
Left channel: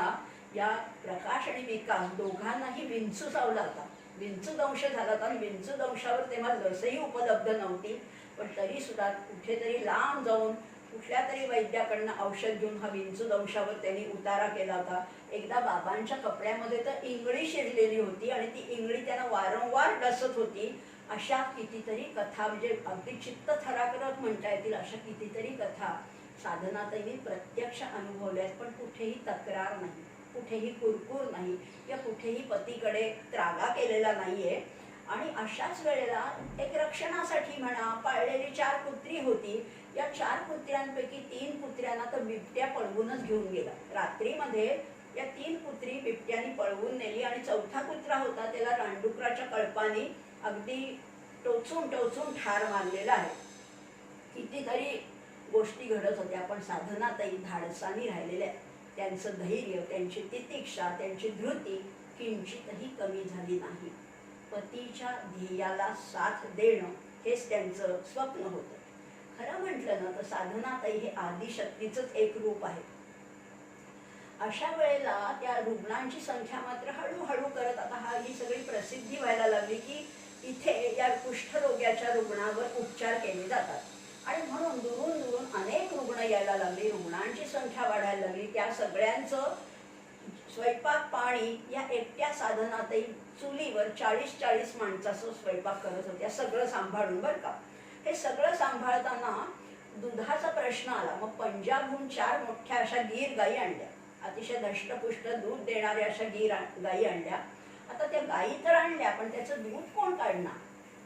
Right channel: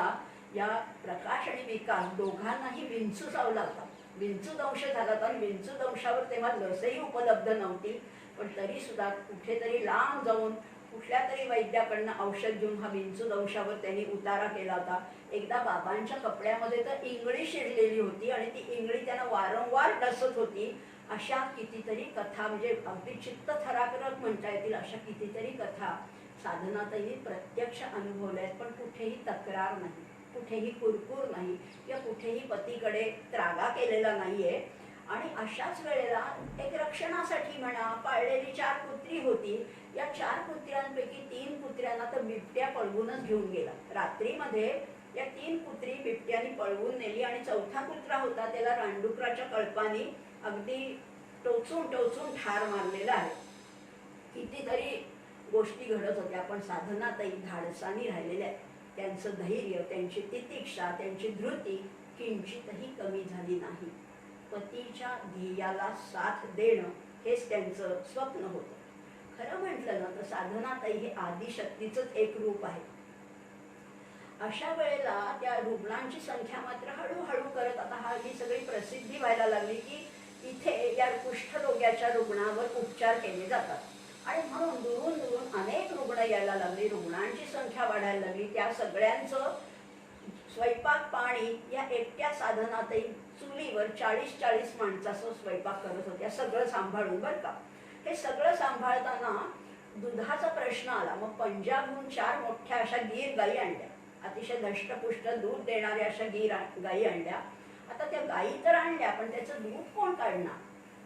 या प्रकाश आणि विकास दोघांनाही विंचू चावला होता. विंचू दंश झाला होता आणि विंचू दंशावर तेव्हा लसही उपलब्ध नव्हती. पण तरी सुद्धा कुठेतरी लांब जाऊन कुठल्या तरी वैद्याकडनं औषध घेऊन हा विंचू दंशावर त्यांनी उतारा केला होता. एकदा बाबांच्या कपड्यामध्ये तर इंगळी शिरलेली होती आणि ती इंगळी त्यांना वारंवार डसत होती. अशा कितीतरी कथा, म्हणजे अगदी चित्त थरारक म्हणता येतील अशा कितीतरी कथा साधनाताईंनी प्रत्यक्ष अनुभवल्या आहेत. पण कुठेही तक्रार नाही, कुठेही कुरकुर नाही, किंवा कुठेही पतीकडे त्रागा केलेला नाहीये. आणि अशाच वेळेला एक रक्षणासाठी म्हणा पाळलेली 4 कुत्री होती. या 4 कुत्र्यांपैकी 3 कुत्र्यांना तर बिबट्या पळवूनच घेऊन गेला. रात्रीमध्ये या 3 कुत्री बिबट्याने पळवून नेली आणि 4था कुत्रा होता त्याला रानडुकराच्या कळपाने अगदी टोचून टोचून ठार मारलेला आहे. कितीतरी गोष्टी घडत होत्या. पण साधनाताई धाडसानी राहिलेल्या आहेत. त्यांचं धैर्य, त्यांची तितिक्षा, त्यांची धृती किंचितही कमी झाली नाही. पतीच्या ध्येयाला साथ देणं हेच त्यांचं स्वप्न होतं. खरं म्हटलं ना तर साधनाताई हे आदिशक्तीचंच एक रूप आहे. अशा वेळेला त्या रुग्णांची संख्या मात्र हळूहळू करत आता ही सगळी प्रसिद्धी व्हायला लागली की इथे या कुष्ठरोग्याच्या रुग्णावर उपचार केले जातात. आणि म्हणून दुरून दुरून अनेक रुग्ण यायला लागले, रुग्णांची संख्या वाढायला लागली. त्या सगळ्यांचं स्वयंपाक पाणी या एकट्या साधनाताई चुलीवर 40-40 माणसाचं स्वयंपाक करत होत्या, सगळं सांभाळून. बरं का, हे सगळं सांभाळताना दुधाचा प्रश्न आला. मग पंजाबहून 4 मोठ्या अशा गीर गाई आणल्या, अतिशय धष्टपुष्ट दूध देणाऱ्या अशा गाई आणल्या. आता त्या गाई तर आणल्या पण त्याचं दूध कोण काढणार?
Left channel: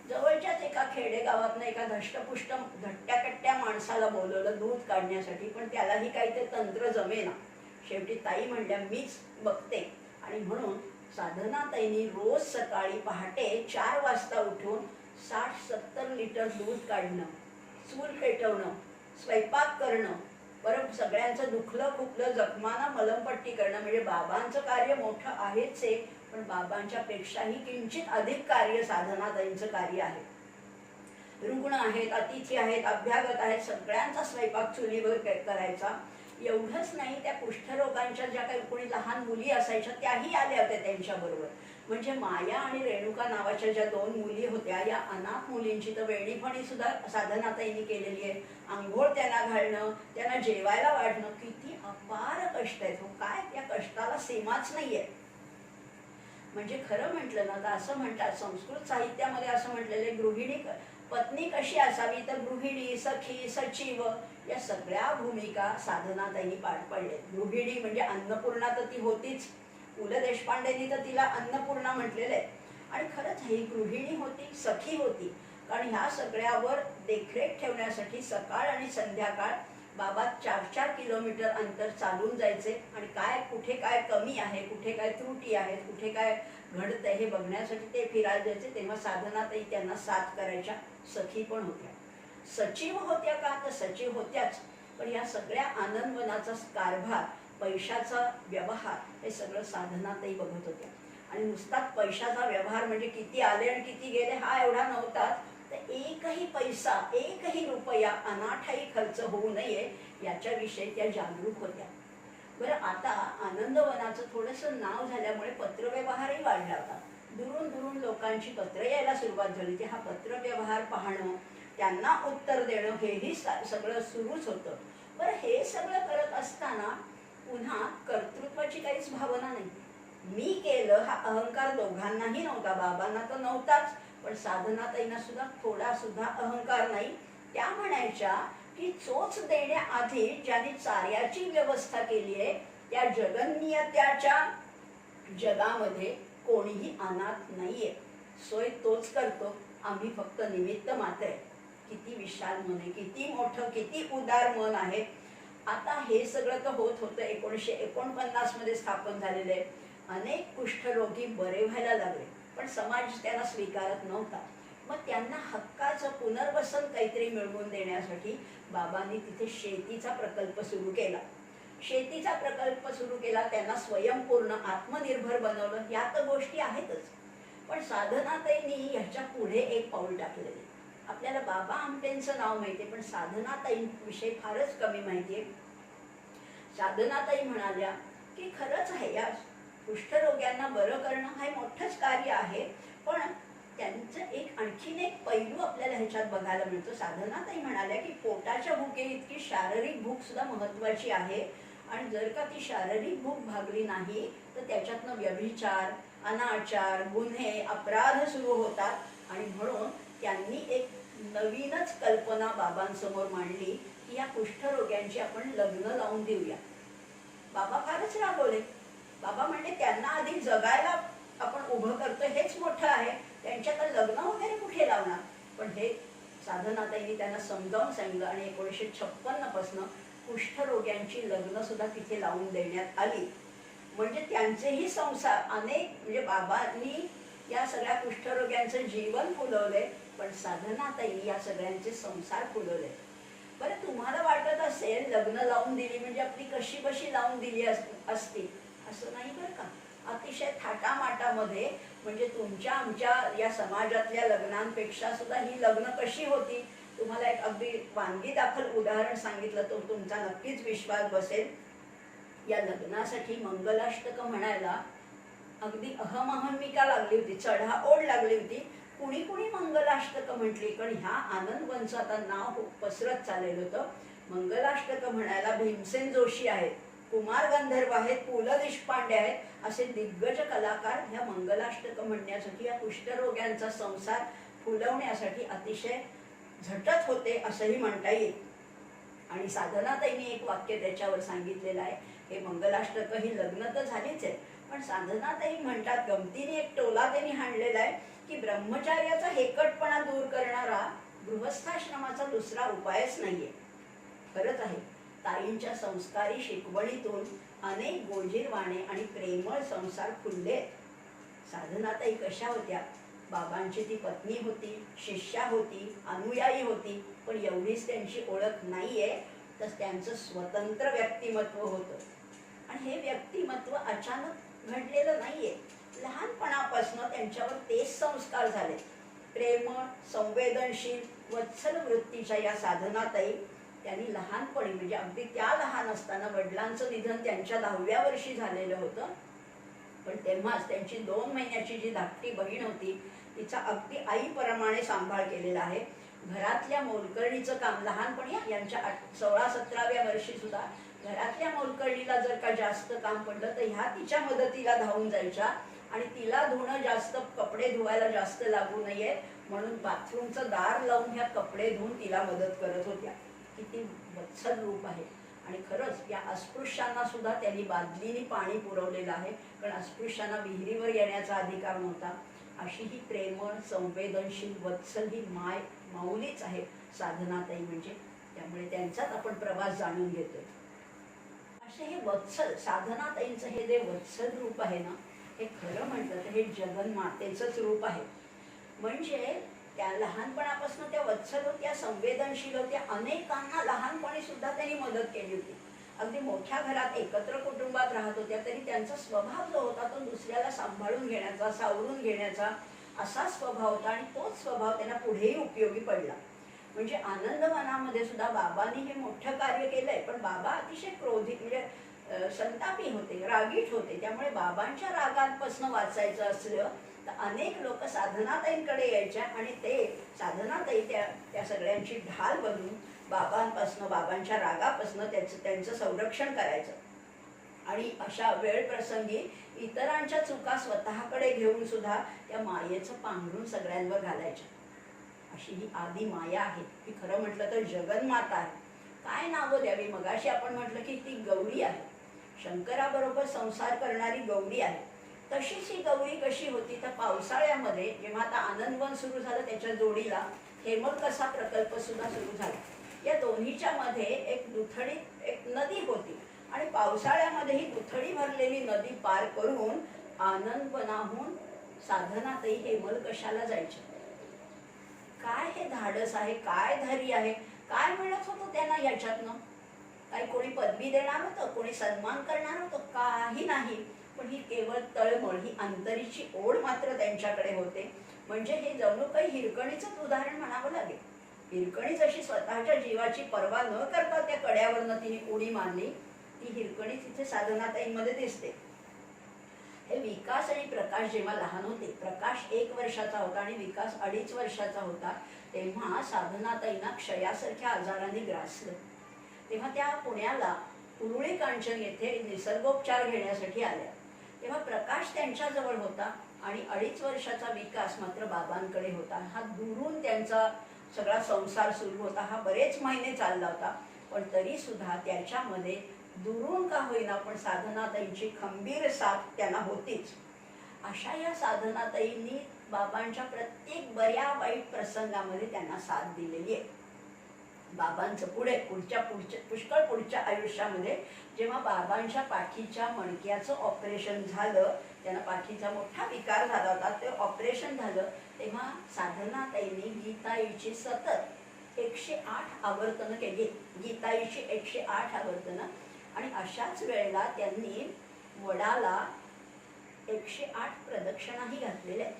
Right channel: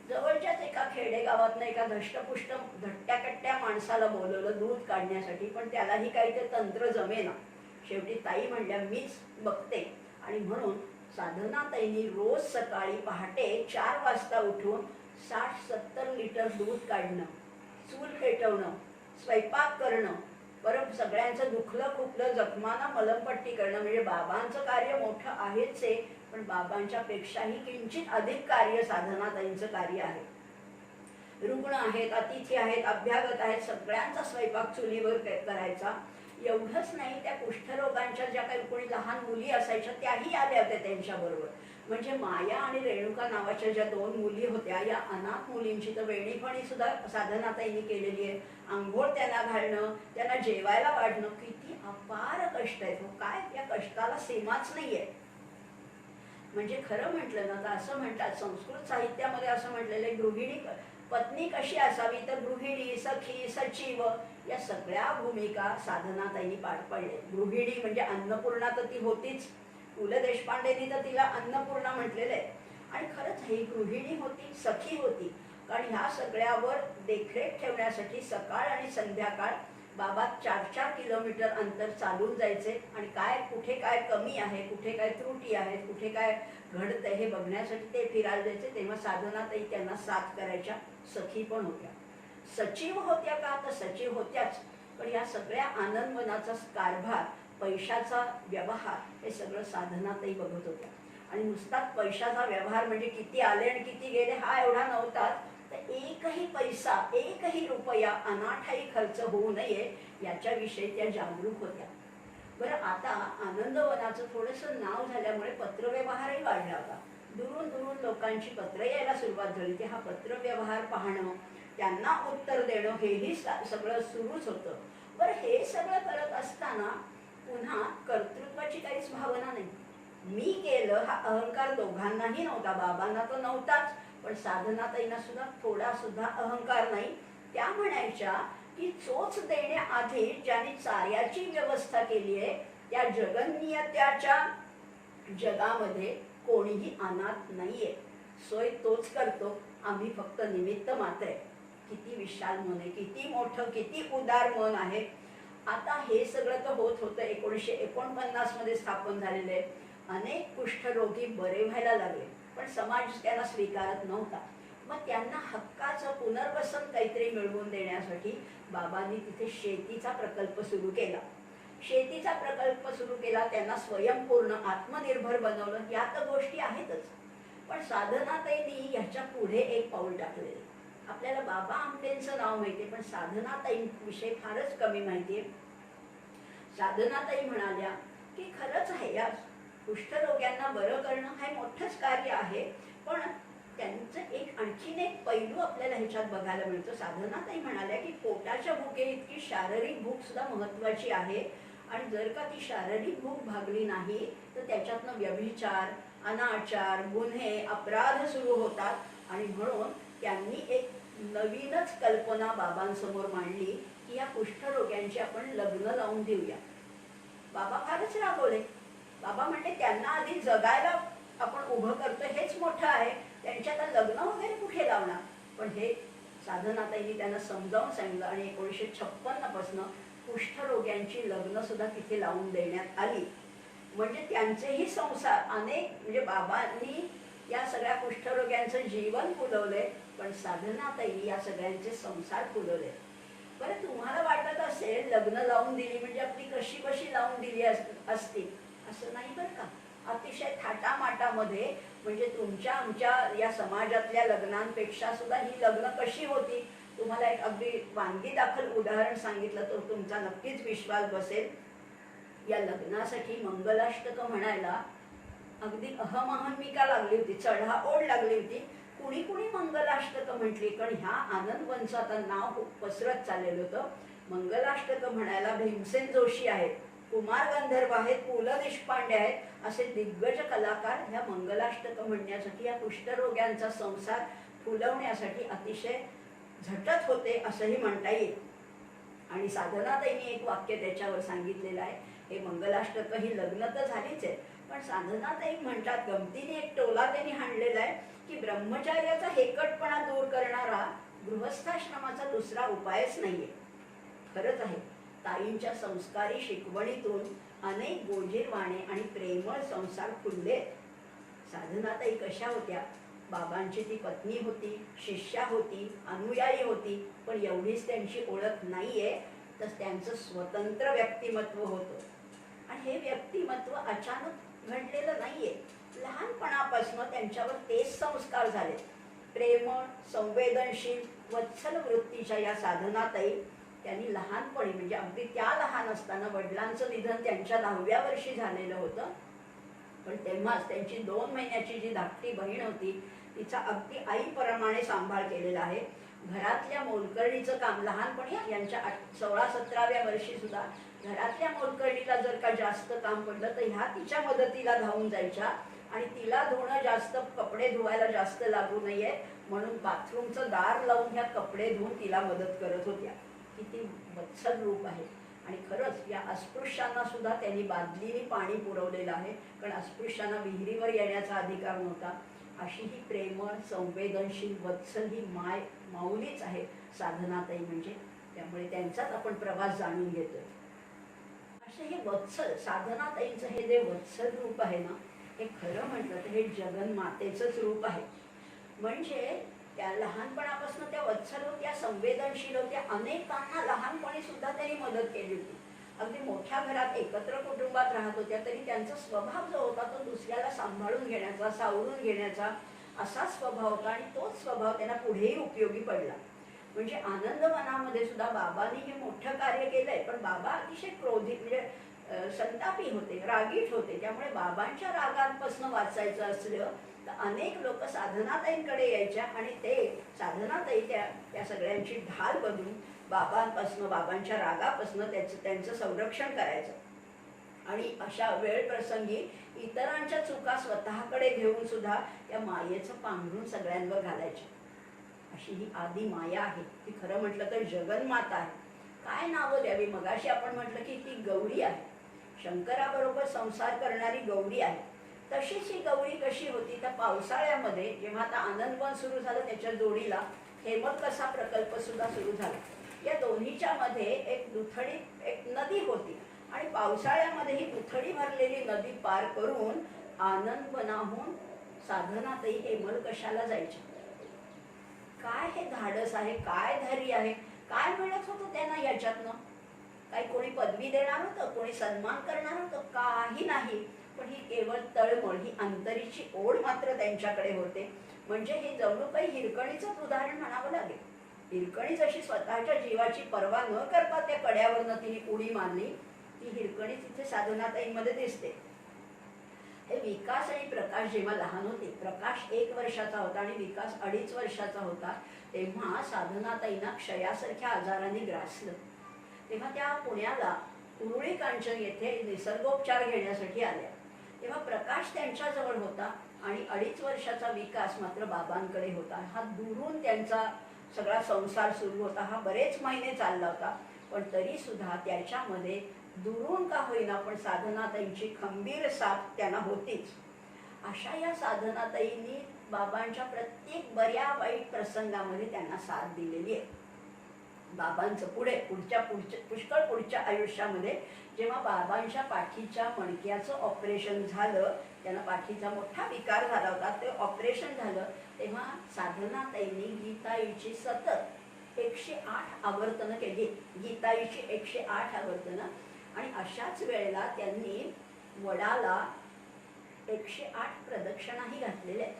जवळच्याच एका खेडेगावातनं एका धष्टपुष्ट धट्ट्याकट्ट्या माणसाला बोलवलं दूध काढण्यासाठी. पण त्यालाही काही ते तंत्र जमेना. शेवटी ताई म्हणल्या मीच बघते. आणि म्हणून साधनाताईंनी रोज सकाळी पहाटे 4 वाजता उठून 60-70 लिटर दूध काढणं, चूल पेटवणं, स्वयंपाक करणं, बरं सगळ्यांचं दुखलं खुपलं जखमांना मलमपट्टी करणं. म्हणजे बाबांचं कार्य मोठं आहेच आहे, पण बाबांच्या पेक्षाही किंचित अधिक कार्य साधनाताईंचं कार्य आहे. रुग्ण आहेत, अतिथी आहेत, अभ्यागत आहेत, सगळ्यांचा स्वयंपाक चुलीवर करायचा. एवढंच नाही, त्या कुष्ठरोगांच्या ज्या काही कोणी लहान मुली असायच्या त्याही आल्या होत्या त्यांच्याबरोबर. म्हणजे माया आणि रेणुका नावाच्या ज्या 2 मुली होत्या, या अनाथ मुलींची तर वेणीपणी सुद्धा साधनाताईंनी केलेली आहे. आंघोळ त्यांना घालणं, त्यांना जेवायला वाढणं, किती अपार कष्ट आहेत. काय त्या कष्टाला सीमाच नाहीये. म्हणजे खरं म्हटलं ना तर असं म्हणतात संस्कृत साहित्यामध्ये असं म्हटलेलं, गृहिणी पत्नी कशी असावी तर गृहिणी, सखी, सचिव या सगळ्या भूमिका साधनाताईंनी पार पाडल्या. गृहिणी म्हणजे अन्नपूर्णा तर ती होतीच, पु ल देशपांडेंनी तर तिला अन्नपूर्णा म्हटलेलं आहे. आणि खरंच ही गृहिणी होती, सखी होती. कारण ह्या सगळ्यावर देखरेख ठेवण्यासाठी सकाळ आणि संध्याकाळ बाबा 4-4 किलोमीटर अंतर चालून जायचे. आणि काय कुठे काय कमी आहे, कुठे काय त्रुटी आहेत, कुठे काय घडतंय हे बघण्यासाठी ते फिरायला जायचे. तेव्हा साधनाताई त्यांना साथ करायच्या. सखी पण होत्या, सचिव होत्या का तर सचिव होत्याच. पण या सगळ्या आनंदवनाचा कारभार, पैशाचा व्यवहार हे सगळं साधनाताई बघत होत्या. आणि नुसताच पैशाचा व्यवहार म्हणजे किती आले आणि किती गेले हा एवढा नव्हता, तर एकही पैसा, एकही रुपया अनाठाई खर्च होऊ नये याच्याविषयी त्या जागरूक होत्या. बरं, आता आनंदवनाचं थोडंसं नाव झाल्यामुळे पत्रव्यवहारही वाढला होता. दुरून दुरून लोकांची पत्र यायला सुरुवात झाली. ते हा पत्रव्यवहार पाहणं, त्यांना उत्तर देणं हेही सगळं सुरूच होतं. बरं, हे सगळं करत असताना पुन्हा कर्तृत्वाची काहीच भावना नाही. मी केलं हा अहंकार दोघांनाही नव्हता, बाबांना तर नव्हताच, पण साधनाताईंना सुद्धा थोडा सुद्धा अहंकार नाही. त्या म्हणायच्या की चोच देण्याआधी ज्यांनी चार्याची व्यवस्था केली आहे त्या जगन्नियत्याच्या जगामध्ये कोणीही अनाथ नाहीये. सोय तोच करतो, आम्ही फक्त निमित्त मात्र आहे. किती विशाल मन आहे, किती मोठं, किती उदार मन आहे. आता हे सगळं तर होत होतं. 1949 मध्ये स्थापन झालेलं आहे. अनेक कुष्ठरोगी बरे व्हायला लागले, पण समाज त्यांना स्वीकारत नव्हता. मग त्यांना हक्काचं पुनर्वसन काहीतरी मिळवून देण्यासाठी बाबांनी तिथे शेतीचा प्रकल्प सुरू केला. शेतीचा प्रकल्प सुरू केला, त्यांना स्वयंपूर्ण आत्मनिर्भर बनवलं. या तर गोष्टी आहेतच, पण साधनाताईंनी ह्याच्या पुढे एक पाऊल टाकलेले. आपल्याला बाबा आमटेंचं नाव माहिती आहे, पण साधनाताईंविषयी फारच कमी माहिती आहे. साधनाताई म्हणाल्या की खरंच आहे, या कुष्ठरोग्यांना बरं करणं हे मोठंच कार्य आहे, पण त्यांचं आणखीन एक पैलू आपल्याला ह्याच्यात बघायला मिळतो. साधनाताई म्हणाल्या की पोटाच्या भुकेइतकी शारीरिक भूक सुद्धा महत्वाची आहे, आणि जर का ती शारीरिक भूक भागली नाही तर त्याच्यातनं व्यभिचार, अनाचार, गुन्हे, अपराध सुरू होतात. आणि म्हणून त्यांनी एक नवीनच कल्पना बाबांसमोर मांडली की या कुष्ठरोग्यांची आपण लग्न लावून देऊया. बाबा फारच राबवले. बाबा म्हणले त्यांना आधी जगायला आपण उभं करतो हेच मोठं आहे, त्यांच्यात लग्न वगैरे कुठे लावणार. पण हे साधनाताईंनी त्यांना समजावून सांगितलं आणि 1956 पासून कुष्ठरोग्यांची लग्न सुद्धा तिथे लावून देण्यात आली. म्हणजे त्यांचेही संसार म्हणजे बाबांनी या सगळ्या कुष्ठरोग्यांचं जीवन फुलवलंय, पण साधनाताईंनी या सगळ्यांचे संसार फुलवले. बरं, तुम्हाला वाटत असेल लग्न लावून दिली म्हणजे आपली कशी बशी लावून दिली असती, असं नाही बरं का. अतिशय थाटामाटामध्ये, म्हणजे तुमच्या आमच्या या समाजातल्या लग्नांपेक्षा सुद्धा ही लग्न कशी होती. तुम्हाला एक अगदी वानगी दाखल उदाहरण सांगितलं तर तुमचा नक्कीच विश्वास बसेल. या लग्नासाठी मंगलाष्टक म्हणायला अगदी अहमहमिका लागली होती, चढाओढ लागली होती. कुणी कुणी मंगलाष्टक म्हटली, कारण ह्या आनंदवनचं आता नाव पसरत चाललेलं होतं. मंगलाष्टक म्हणायला भीमसेन जोशी आहेत, कुमार गंधर्व आहेत, पु ल देशपांडे आहेत, असे दिग्गज कलाकार ह्या मंगलाष्टक म्हणण्यासाठी, या कुष्ठरोग्यांचा संसार फुलवण्यासाठी अतिशय झटत होते असंही म्हणता येईल. आणि साधनाताईंनी एक वाक्य त्याच्यावर सांगितलेलं आहे. हे मंगलाष्टक ही लग्न तर झालीच आहे, पण साधनाताई म्हणतात, गमतीने एक टोला त्यांनी हाणलेला आहे की ब्रह्मचार्याचा हेकटपणा दूर करणारा गृहस्थाश्रमाचा दुसरा उपायच नाहीये. खरंच आहे, ताईंच्या संस्कारी शिकवणीतून अनेक गोजीरवाणे आणि प्रेमळ संसार फुलले. साधनाताई कशा होत्या, बाबांची ती पत्नी होती, शिष्या होती, अनुयायी होती, पण एवढीच त्यांची ओळख नाहीये, तर त्यांचं स्वतंत्र व्यक्तिमत्व होतं. आणि हे व्यक्तिमत्व अचानक घडलेलं नाहीये. लहानपणापासून त्यांच्यावर तेच संस्कार झाले. प्रेमळ, संवेदनशील, वत्सल वृत्तीच्या या साधनाताई त्यांनी लहानपणी, म्हणजे अगदी त्या लहान असताना वडिलांचं निधन त्यांच्या 10व्या वर्षी झालेलं होतं, पण तेव्हाच त्यांची 2 महिन्याची जी धाकटी बहीण होती तिचा अगदी आईप्रमाणे सांभाळ केलेला आहे. घरातल्या मोलकरणीचं काम लहानपणी, यांच्या 16-17व्या वर्षी सुद्धा घरातल्या मोलकरणीला जर का जास्त काम पडलं तर ह्या तिच्या मदतीला धावून जायच्या, आणि तिला धुणं जास्त, कपडे धुवायला जास्त लागू नये म्हणून बाथरूमचं दार लावून ह्या कपडे धुवून तिला मदत करत होत्या. किती वत्सल रूप आहे. आणि खरंच या अस्पृश्यांना सुद्धा त्यांनी बादलीने पाणी पुरवलेलं आहे, कारण अस्पृश्यांना विहिरीवर येण्याचा अधिकार नव्हता. अशी ही प्रेमळ, संवेदनशील, वत्सल ही माऊलीच आहे साधनाताई म्हणजे. त्यामुळे त्यांचाच आपण प्रवास जाणून घेतोय. असे हे वत्सल, साधनाताईंचं हे जे वत्सल रूप आहे ना, हे खरं म्हटलं तर हे जगन्मातेचंच रूप आहे. म्हणजे त्या लहानपणापासून त्या वत्सल होत्या, संवेदनशील होत्या. अनेकांना लहानपणी सुद्धा त्यांनी मदत केली होती. अगदी मोठ्या घरात एकत्र कुटुंबात राहत होत्या तरी त्यांचा स्वभाव जो होता तो दुसऱ्याला सांभाळून घेण्याचा, सावरून घेण्याचा असा स्वभाव होता, आणि तोच स्वभाव त्यांना पुढेही उपयोगी पडला. म्हणजे आनंदवनामध्ये सुद्धा बाबांनी हे मोठं कार्य केलंय, पण बाबा अतिशय क्रोधित, म्हणजे संतापी होते, रागीट होते. त्यामुळे बाबांच्या रागांपासून वाचायचं असलं तर अनेक लोक साधनाताईंकडे यायच्या, आणि ते साधनाताई त्या सगळ्यांची ढाल बनून बाबांपासून, बाबांच्या रागापासून त्यांचं संरक्षण करायचं. आणि अशा वेळ प्रसंगी इतरांच्या चुका स्वतःकडे घेऊन सुद्धा त्या मायेचं पांघरून सगळ्यांवर घालायच्या. अशी ही आदी माया आहे. ती खरं म्हटलं तर जगन्माता आहे. काय नावं द्यावी. मगाशी आपण म्हटलं की ती गौरी आहे, शंकराबरोबर संसार करणारी गौरी आहे. तशीच ही गौरी कशी होती तर पावसाळ्यामध्ये जेव्हा आता आनंदवन सुरू झालं त्याच्या जोडीला हेमलकसा प्रकल्प सुद्धा सुरू झाला. या दोन्हीच्या मध्ये एक दुथडी, एक नदी होती, आणि पावसाळ्यामध्ये ही दुथडी भरलेली नदी पार करून आनंदवनाहून साधनाताई हेमलकशाला जायच्या. काय हे धाडस आहे, काय धैर्य आहे, काय मिळत होतं त्यांना याच्यातनं? काही कोणी पदवी देणार होतं, कोणी सन्मान करणार होतं? काही नाही. पण ही केवळ तळमळ, ही अंतरीची ओढ मात्र त्यांच्याकडे होते. म्हणजे हे जणू काही हिरकणीचंच उदाहरण म्हणावं लागेल. हिरकणी जशी स्वतःच्या जीवाची पर्वा न करता त्या कड्यावरनं तिने उडी मारली, ती हिरकणी तिथे साधनाताईंमध्ये दिसते. हे विकास आणि प्रकाश जेव्हा लहान होते, प्रकाश 1 वर्षाचा होता आणि विकास 2.5 वर्षाचा होता, तेव्हा साधनाताईंना क्षयासारख्या आजाराने ग्रासलं. तेव्हा त्या पुण्याला उरुळी कांचन येथे निसर्गोपचार घेण्यासाठी आल्या. तेव्हा प्रकाश त्यांच्याजवळ होता आणि 2.5 वर्षाचा विकास मात्र बाबांकडे होता. हा दुरून त्यांचा सगळा संसार सुरू होता. हा बरेच महिने चालला होता. पण तरी सुद्धा त्याच्यामध्ये दुरून का होईना पण साधनाताईंची खंबीर साथ त्यांना होतीच. अशा या साधनाताईंनी बाबांच्या प्रत्येक बऱ्या वाईट प्रसंगामध्ये त्यांना साथ दिलेली आहे. बाबांचं पुष्कळ पुढच्या आयुष्यामध्ये जेव्हा बाबांच्या पाठीच्या मणक्याचं ऑपरेशन झालं, त्यांना पाठीचा मोठा विकार झाला होता, ते ऑपरेशन झालं, तेव्हा साधनाताईंनी गीताईची सतत 108 आवर्तनं केली. गीताईची 108 आवर्तनं. आणि अशाच वेळेला त्यांनी वडाला 108 प्रदक्षिणाही घातलेल्या आहेत.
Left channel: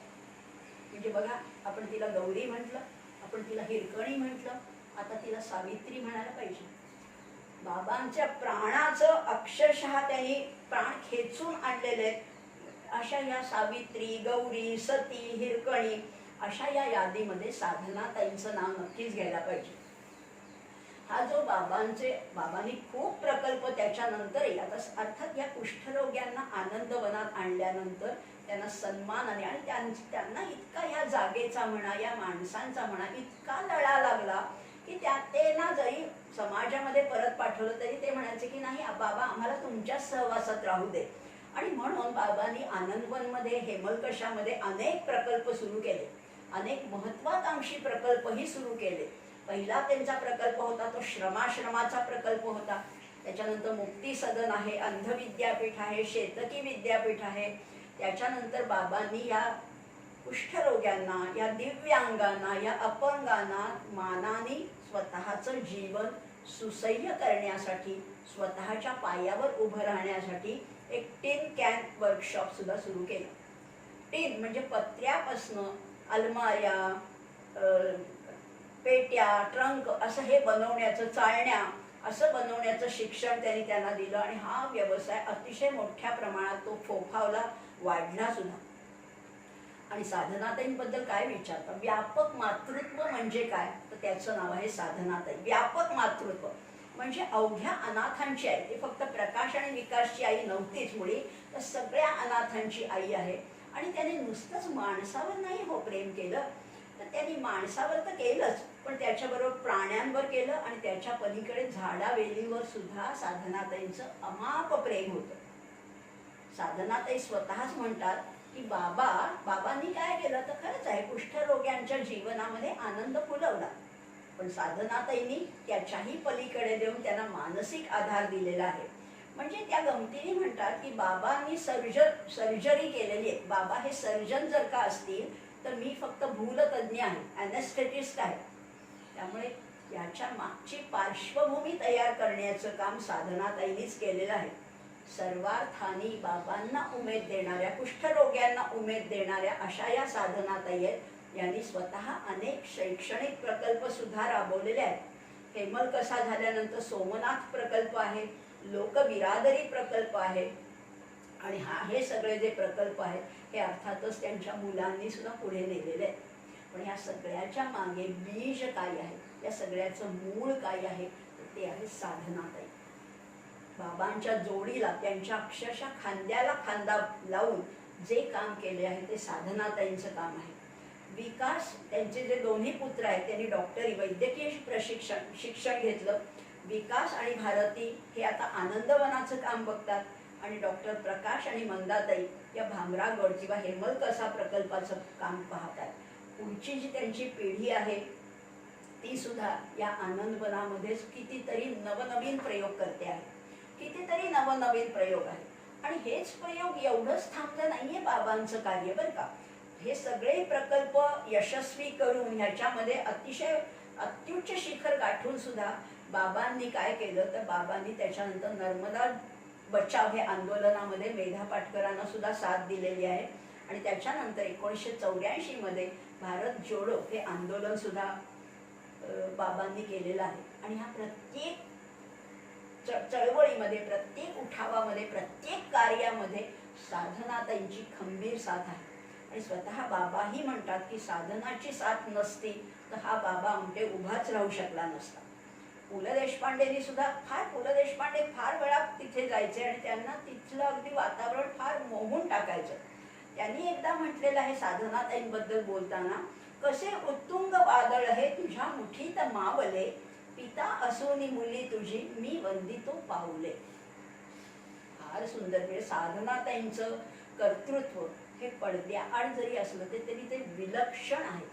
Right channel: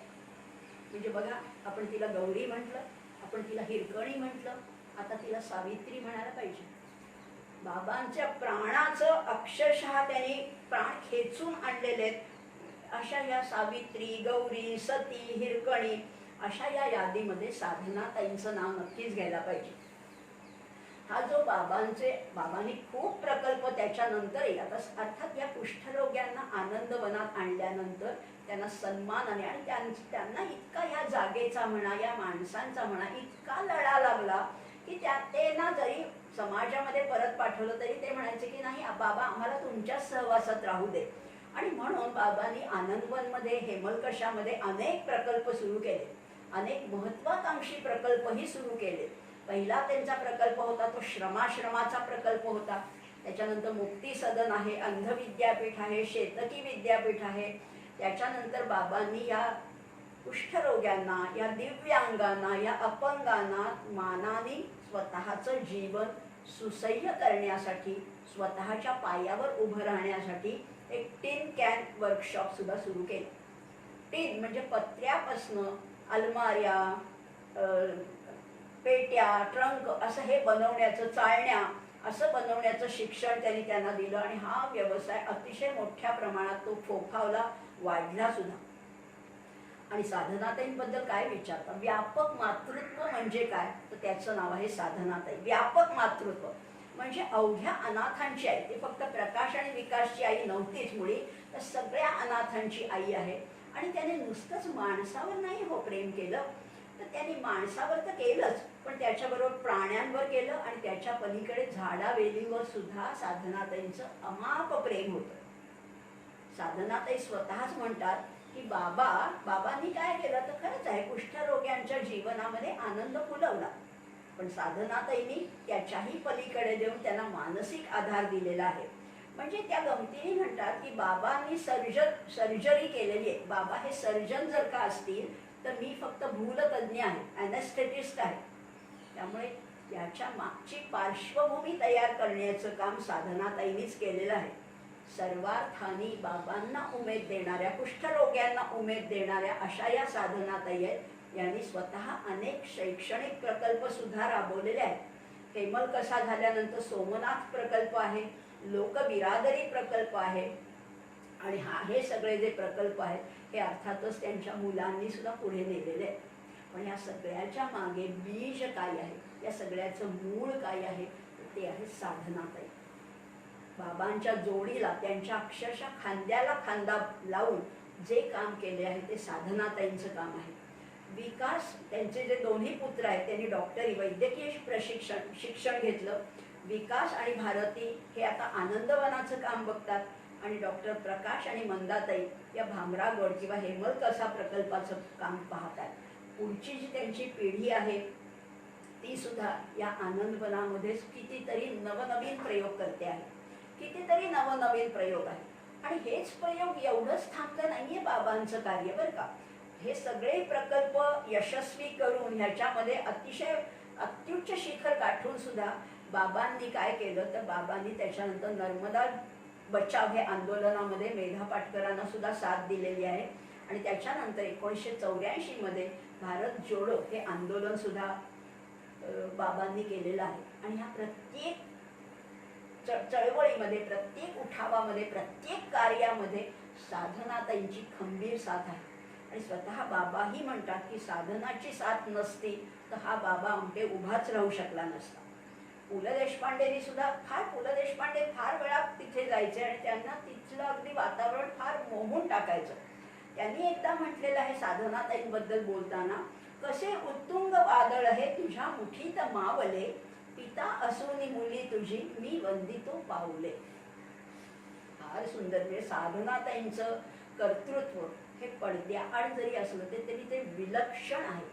म्हणजे बघा, आपण तिला गौरी म्हटलं, आपण तिला हिरकणी म्हटलं, आता तिला सावित्री म्हणायला पाहिजे. बाबांच्या प्राणाचं अक्षरशः त्यांनी प्राण खेचून आणलेले आहेत. अशा या सावित्री, गौरी, सती, हिरकणी अशा या यादीमध्ये साधनाताईंचं नाव नक्कीच घ्यायला पाहिजे. हा जो बाबांनी खूप प्रकल्प त्याच्यानंतर येईल. आता अर्थात या कुष्ठरोग्यांना आनंदवनात आणल्यानंतर त्यांना सन्मानाने आणि त्यांना इतका ह्या जागेचा म्हणा, या माणसांचा म्हणा इतका लढा लागला की ते ना जरी समाजामध्ये परत पाठवलं तरी ते म्हणायचे की नाही बाबा, आम्हाला तुमच्याच सहवासात राहू दे. आणि म्हणून बाबांनी आनंदवनमध्ये, हेमलकशामध्ये अनेक प्रकल्प सुरू केले, अनेक महत्वाकांक्षी प्रकल्पही सुरू केले. पहिला त्यांचा प्रकल्प होता तो श्रमाश्रमाचा प्रकल्प होता. त्याच्यानंतर मुक्ती सदन आहे, अंध विद्यापीठ आहे, शेतकी विद्यापीठ आहे. त्याच्यानंतर बाबांनी या कुष्ठरोग्यांना, या दिव्यांगांना, या अपंगांना मानाने स्वतःचं जीवन सुसह्य करण्यासाठी, स्वतःच्या पायावर उभं राहण्यासाठी एक टिन कॅन वर्कशॉप सुद्धा सुरू केलं. टिन म्हणजे पत्र्यापासनं अलमाऱ्या, पेट्या, ट्रंक असं हे बनवण्याचं, चाळण्या असं बनवण्याचं शिक्षण त्यांना दिलं. आणि हा व्यवसाय अतिशय मोठ्या प्रमाणात तो फोफावला, वाढला सुद्धा. आणि साधनाताईंबद्दल काय विचारता? व्यापक मातृत्व म्हणजे काय? तर त्याचं नाव आहे साधनाताई. व्यापक मातृत्व म्हणजे अवघ्या अनाथांची आई. ते फक्त प्रकाश आणि विकासची आई नव्हतीच मुळी, तर सगळ्या अनाथांची आई आहे. आणि त्याने नुसतंच माणसावर नाही हो प्रेम केलं, तर त्यांनी माणसावर तर केलंच, पण त्याच्याबरोबर प्राण्यांवर केलं. आणि त्याच्या पलीकडे झाडावेलीवर सुद्धा साधनाताईंचं अमाप प्रेम होतं. साधनाताई स्वतःच म्हणतात की बाबांनी काय केलं तर खरंच आहे, कुष्ठरोग्यांच्या जीवनामध्ये आनंद फुलवला, पण साधनाताईंनी त्याच्याही पलीकडे देऊन त्यांना मानसिक आधार दिलेला आहे. म्हणजे त्या गमतीने म्हणतात की बाबांनी सर्जरी केलेली आहे. बाबा हे सर्जन जर का असतील तर मी फक्त भूलतज्ञ आहे, ॲनेस्थेटिस्ट आहे. त्यामुळे याच्या मागची पार्श्वभूमी तयार करण्याचं काम साधनाताईंनीच केलेलं आहे. सर्वार्थाने बाबांना उमेद देणाऱ्या, कुष्ठरोग्यांना उमेद देणाऱ्या अशा या साधनाताई आहेत. यांनी स्वतः अनेक शैक्षणिक प्रकल्प सुद्धा राबवलेले आहेत. हेमलकसा झाल्यानंतर सोमनाथ प्रकल्प आहे, लोकबिरादरी प्रकल्प आहे. आणि हे सगळे जे प्रकल्प आहेत हे अर्थातच त्यांच्या मुलांनी सुद्धा पुढे नेलेले आहेत. पण या सगळ्याच्या मागे बीज काय आहे, या सगळ्याचं मूळ काय आहे, ते आहे साधनाताई. बाबांच्या जोडीला, त्यांच्या अक्षरशः खांद्याला खांदा लावून जे काम केले आहे ते साधनाताईंचं काम आहे. विकास, त्यांचे जे दोन्ही पुत्र आहेत त्यांनी डॉक्टरी, वैद्यकीय शिक्षण घेतलं. विकास आणि भारती हे आता आनंदवनाचं काम बघतात. आणि डॉक्टर प्रकाश आणि मंदाताई या भामरागड किंवा हेमलकसा प्रकल्पाचं काम पाहतात. पुढची जी त्यांची पिढी आहे ती सुद्धा या आनंदवनामध्येच कितीतरी नवनवीन प्रयोग करते आहे, कितीतरी नवनवीन प्रयोग आहेत. आणि हेच प्रयोग एवढंच थांबलं नाहीये बाबांचं कार्य बरं का. हे सगळे प्रकल्प यशस्वी करून ह्याच्यामध्ये अतिशय अत्युच्च शिखर गाठून सुद्धा बाबांनी काय केलं तर बाबांनी त्याच्यानंतर नर्मदा बचाव हे आंदोलनामध्ये मेधा पाटकरांना सुद्धा साथ दिलेली आहे आणि त्याच्यानंतर 1984 मध्ये भारत जोडो हे आंदोलन सुद्धा बाबांनी केलेलं आहे आणि ह्या प्रत्येक चळवळीमध्ये प्रत्येक उठावामध्ये प्रत्येक कार्यामध्ये साधनाताईंची खंबीर साथ आहे आणि स्वतः बाबाही म्हणतात की साधनाची साथ नसती तर हा बाबा आमटे उभाच राहू शकला नसता. पु ल देशपांडेंनी सुद्धा पु ल देशपांडे फार वेळा तिथे जायचे आणि त्यांना तिथलं अगदी वातावरण फार मोहून टाकायचं. त्यांनी एकदा म्हटलेलं आहे साधनाताईंबद्दल बोलताना, कसे उत्तुंग वादळ हे तुझ्या मुठीत मावले, पिता असोनी मुली तुझी मी वंदितो पाऊले. फार सुंदर. म्हणजे साधनाताईंचं कर्तृत्व हे पडद्याआड जरी असलं तरी ते विलक्षण आहे.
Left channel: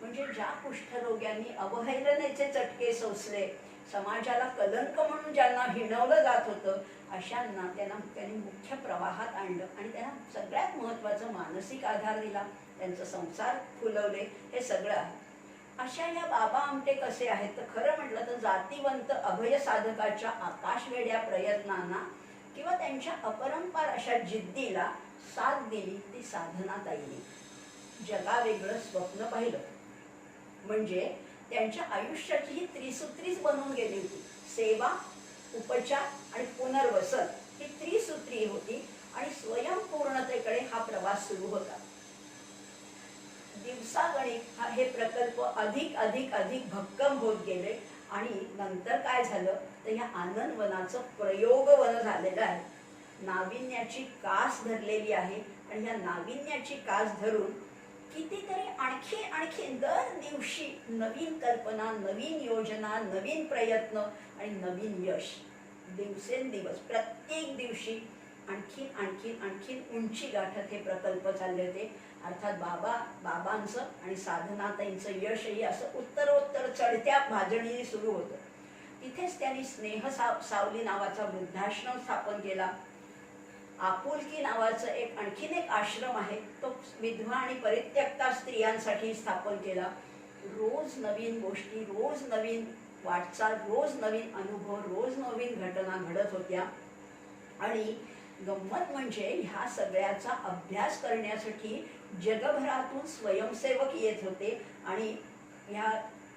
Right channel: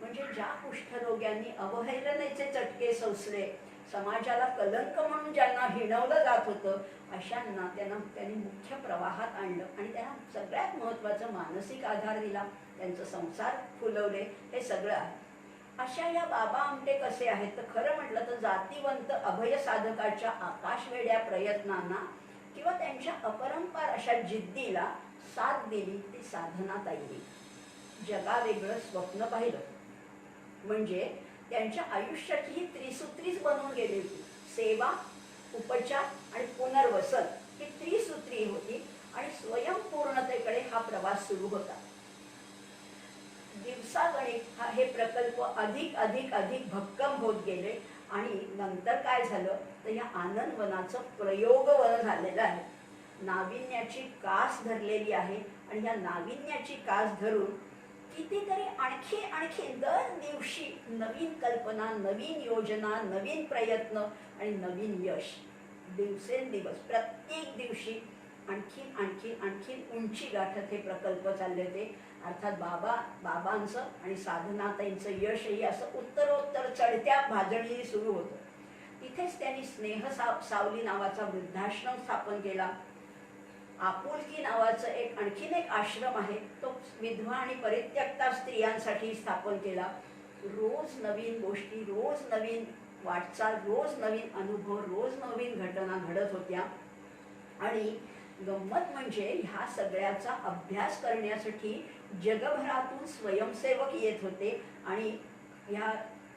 म्हणजे ज्या कुष्ठरोग्यांनी अवहेलनेचे चटके सोसले, समाजाला कलंक म्हणून ज्यांना हिणवलं जात होतं, अशांना त्यांनी मुख्य प्रवाहात आणलं आणि त्यांना सगळ्यात महत्त्वाचं मानसिक आधार दिला, त्यांचं संसार फुलवले, हे सगळं आहे. अशा या बाबा आमटे कसे आहेत तर खरं म्हटलं तर जातीवंत अभय साधकाच्या आकाशवेड्या प्रयत्नांना किंवा त्यांच्या अपरंपार अशा जिद्दीला साथ दिली ती साधनाताईंनी. जगावेगळं स्वप्न पाहिलं. म्हणजे त्यांच्या आयुष्याची ही त्रिसूत्रीच बनवून गेली होती. सेवा, उपचार आणि पुनर्वसन ही त्रिसूत्री होती आणि स्वयंपूर्णतेकडे हा प्रवास सुरू होता. दिवसागणिक हे प्रकल्प अधिक अधिक अधिक भक्कम होत गेले आणि नंतर काय झालं तर या आनंदवनाचं प्रयोगवन झालेलं आहे. नाविन्याची कास धरलेली आहे आणि या नाविन्याची कास धरून कितीतरी आणखी दर दिवशी नवीन कल्पना, नवीन योजना, नवीन प्रयत्न आणि नवीन यश दिवसेंदिवस प्रत्येक दिवशी आणखीन उंची गाठत हे प्रकल्प चालले होते. अर्थात बाबांचं आणि साधनाताईंचं यशही असं उत्तरोत्तर चढत्या भाजणीने सुरू होतं. तिथेच त्यांनी स्नेह सावली नावाचा वृद्धाश्रम स्थापन केला. आपुलकी नावाचं आणखीन एक आश्रम आहे, तो विधवा आणि परित्यक्ता स्त्रियांसाठी स्थापन केला. रोज नवीन गोष्टी, रोज नवीन वाटचाल, रोज नवीन अनुभव, रोज नवीन घटना घडत होत्या. आणि गंमत म्हणजे ह्या सगळ्याचा अभ्यास करण्यासाठी जगभरातून स्वयंसेवक येत होते आणि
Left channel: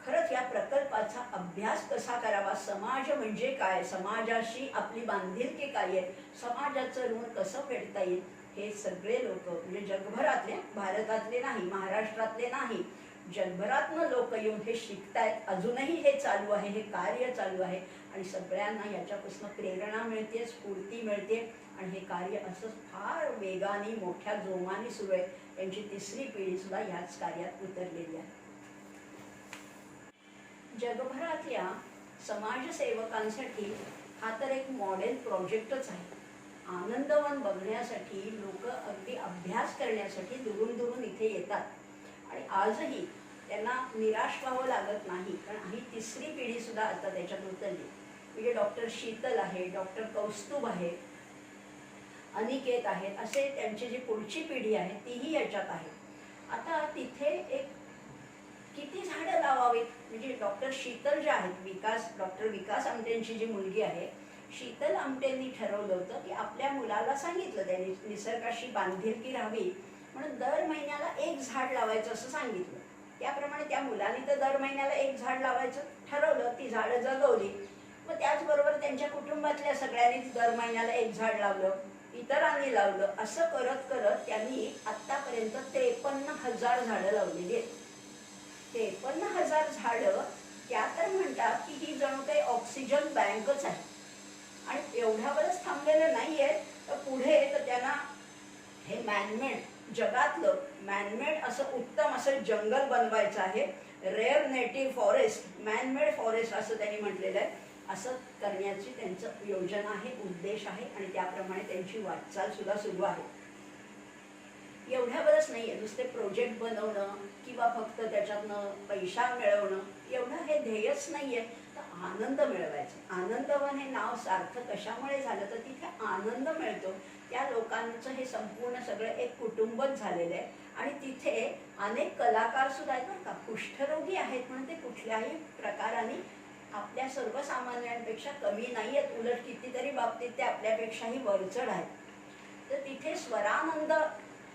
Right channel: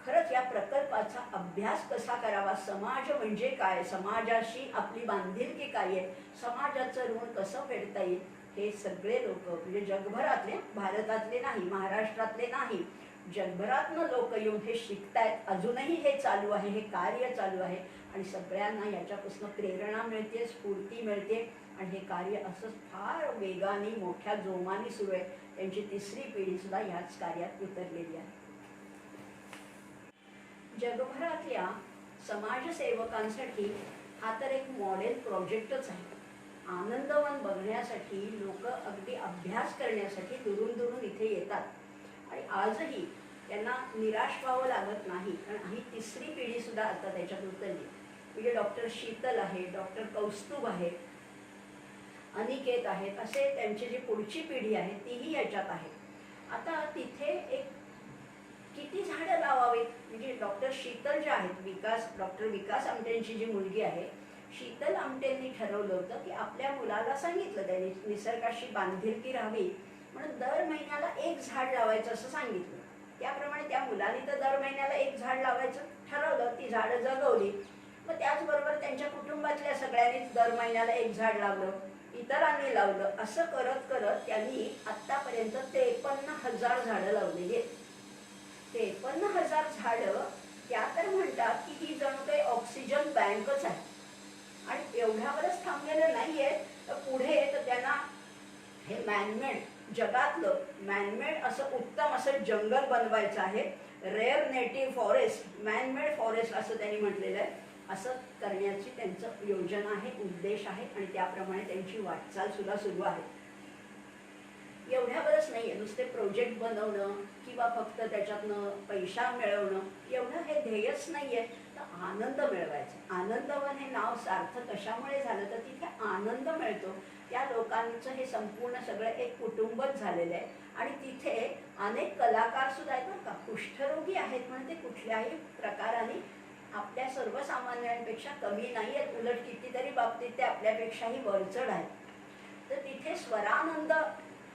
खरंच या प्रकल्पाचा अभ्यास कसा करावा, समाज म्हणजे काय, समाजाशी आपली बांधिलकी काय आहे, समाजाचं ऋण कसं फेडता येईल, हे सगळे लोक म्हणजे जगभरातले, भारतातले नाही, महाराष्ट्रातले नाही, जगभरातनं लोक येऊन हे शिकतायत. अजूनही हे चालू आहे, हे कार्य चालू आहे आणि सगळ्यांना याच्यापासून प्रेरणा मिळते, स्फूर्ती मिळते आणि हे कार्य असं फार वेगाने मोठ्या जोमाने सुरू आहे. त्यांची तिसरी पिढी सुद्धा याच कार्यात उतरलेली आहे. जगभरातल्या समाजसेवकांसाठी हा तर एक मॉडेल प्रोजेक्टच आहे. आनंदवन बघण्यासाठी लोक अगदी अभ्यास करण्यासाठी दुरून इथे येतात आणि आजही त्यांना निराश व्हावं लागत नाही, कारण ही तिसरी पिढी सुद्धा आता त्याच्यात उतरली. म्हणजे डॉक्टर शीतल आहे, डॉक्टर कौस्तुभ आहे, अनिकेत आहेत, असे त्यांची जी पुढची पिढी आहे तीही याच्यात आहे. आता तिथे एक किती झाडं लावावीत, म्हणजे डॉक्टर शीतल ज्या आहेत, डॉक्टर विकास आमटेंची जी मुलगी आहे शीतल आमटेंनी ठरवलं होतं की आपल्या मुलाला सांगितलं, त्यांनी निसर्गाशी बांधिलकी राहावी म्हणून दर महिन्याला एक झाड लावायचं असं सांगितलं. त्याप्रमाणे त्या मुलाने तर दर महिन्याला एक झाड लावायचं ठरवलं, ती झाडं जगवली. मग त्याचबरोबर त्यांच्या कुटुंबातल्या सगळ्यांनी दर महिन्याला एक झाड लावलं, इतरांनी लावलं. असं करत करत त्यांनी आतापर्यंत 53,000 झाडं लावलेली आहेत. 53,000 झाडं. त्या तर म्हणतात की ही जणू काही ऑक्सिजन बँकच आहे आणि एवढ्यावरच थांबलेलं नाहीये, तर पुढे तर त्यांना हे मॅनमेड, जगातलं मॅनमेड असं उत्तम असं जंगल बनवायचं आहे. Rare native forest, man-made forest असं त्यांनी म्हटलेलं आहे. असं करण्याची त्यांचं योजना आहे, उद्देश आहे आणि त्याप्रमाणे त्यांची वाटचाल सुद्धा सुरू आहे. एवढ्यावरच नाहीये नुसते प्रोजेक्ट बनवणं किंवा फक्त त्याच्यातनं पैसा मिळवणं, एवढं हे ध्येयच नाहीये, तर आनंद मिळवायचा. आनंदवन हे नाव सार्थक कशामुळे झालं, तर तिथे आनंद मिळतो. त्या लोकांचं हे संपूर्ण सगळं एक कुटुंबच झालेलं आहे. आणि तिथे अनेक कलाकार सुद्धा आहेत बरं का. कुष्ठरोगी आहेत म्हणून ते कुठल्याही प्रकाराने आपल्या सर्वसामान्यांपेक्षा कमी नाही आहेत, उलट कितीतरी बाबतीत ते आपल्यापेक्षाही वरचढ आहेत. तर तिथे स्वरानंद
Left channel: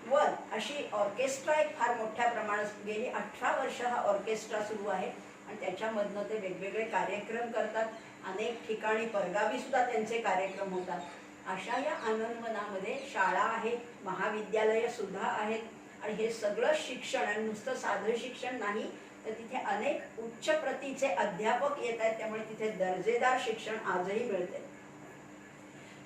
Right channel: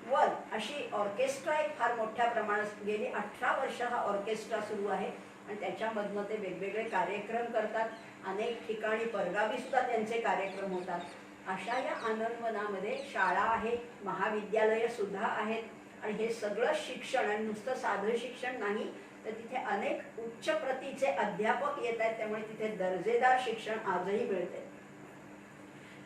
वन अशी ऑर्केस्ट्रा एक फार मोठ्या प्रमाणात गेली 18 वर्ष हा ऑर्केस्ट्रा सुरू आहे. आणि त्याच्यामधनं ते वेगवेगळे कार्यक्रम करतात. अनेक ठिकाणी परगावी सुद्धा त्यांचे कार्यक्रम होतात. अशा या आनंदवनामध्ये शाळा आहेत, महाविद्यालयं सुद्धा आहेत. आणि हे सगळं शिक्षण, आणि नुसतं साधं शिक्षण नाही, तर तिथे अनेक उच्च प्रतीचे अध्यापक येत आहेत. त्यामुळे तिथे दर्जेदार शिक्षण आजही मिळते.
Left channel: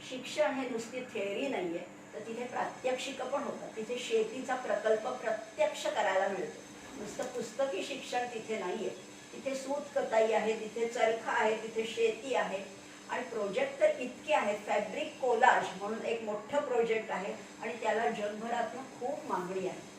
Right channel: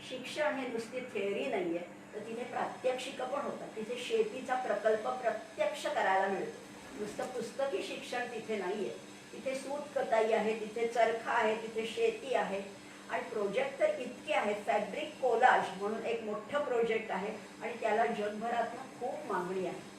शिक्षण हे नुसती थेअरी नाहीये, तर तिथे प्रात्यक्षिकं पण होतात. तिथे शेतीचा प्रकल्प प्रत्यक्ष करायला मिळतो. नुसतं पुस्तकी शिक्षण तिथे नाहीये. तिथे सूतकताई आहे, तिथे चरखा आहे, तिथे शेती आहे. आणि प्रोजेक्ट तर इतके आहेत. फॅब्रिक कोलाज म्हणून एक मोठं प्रोजेक्ट आहे आणि त्याला जगभरातनं खूप मागणी आहे.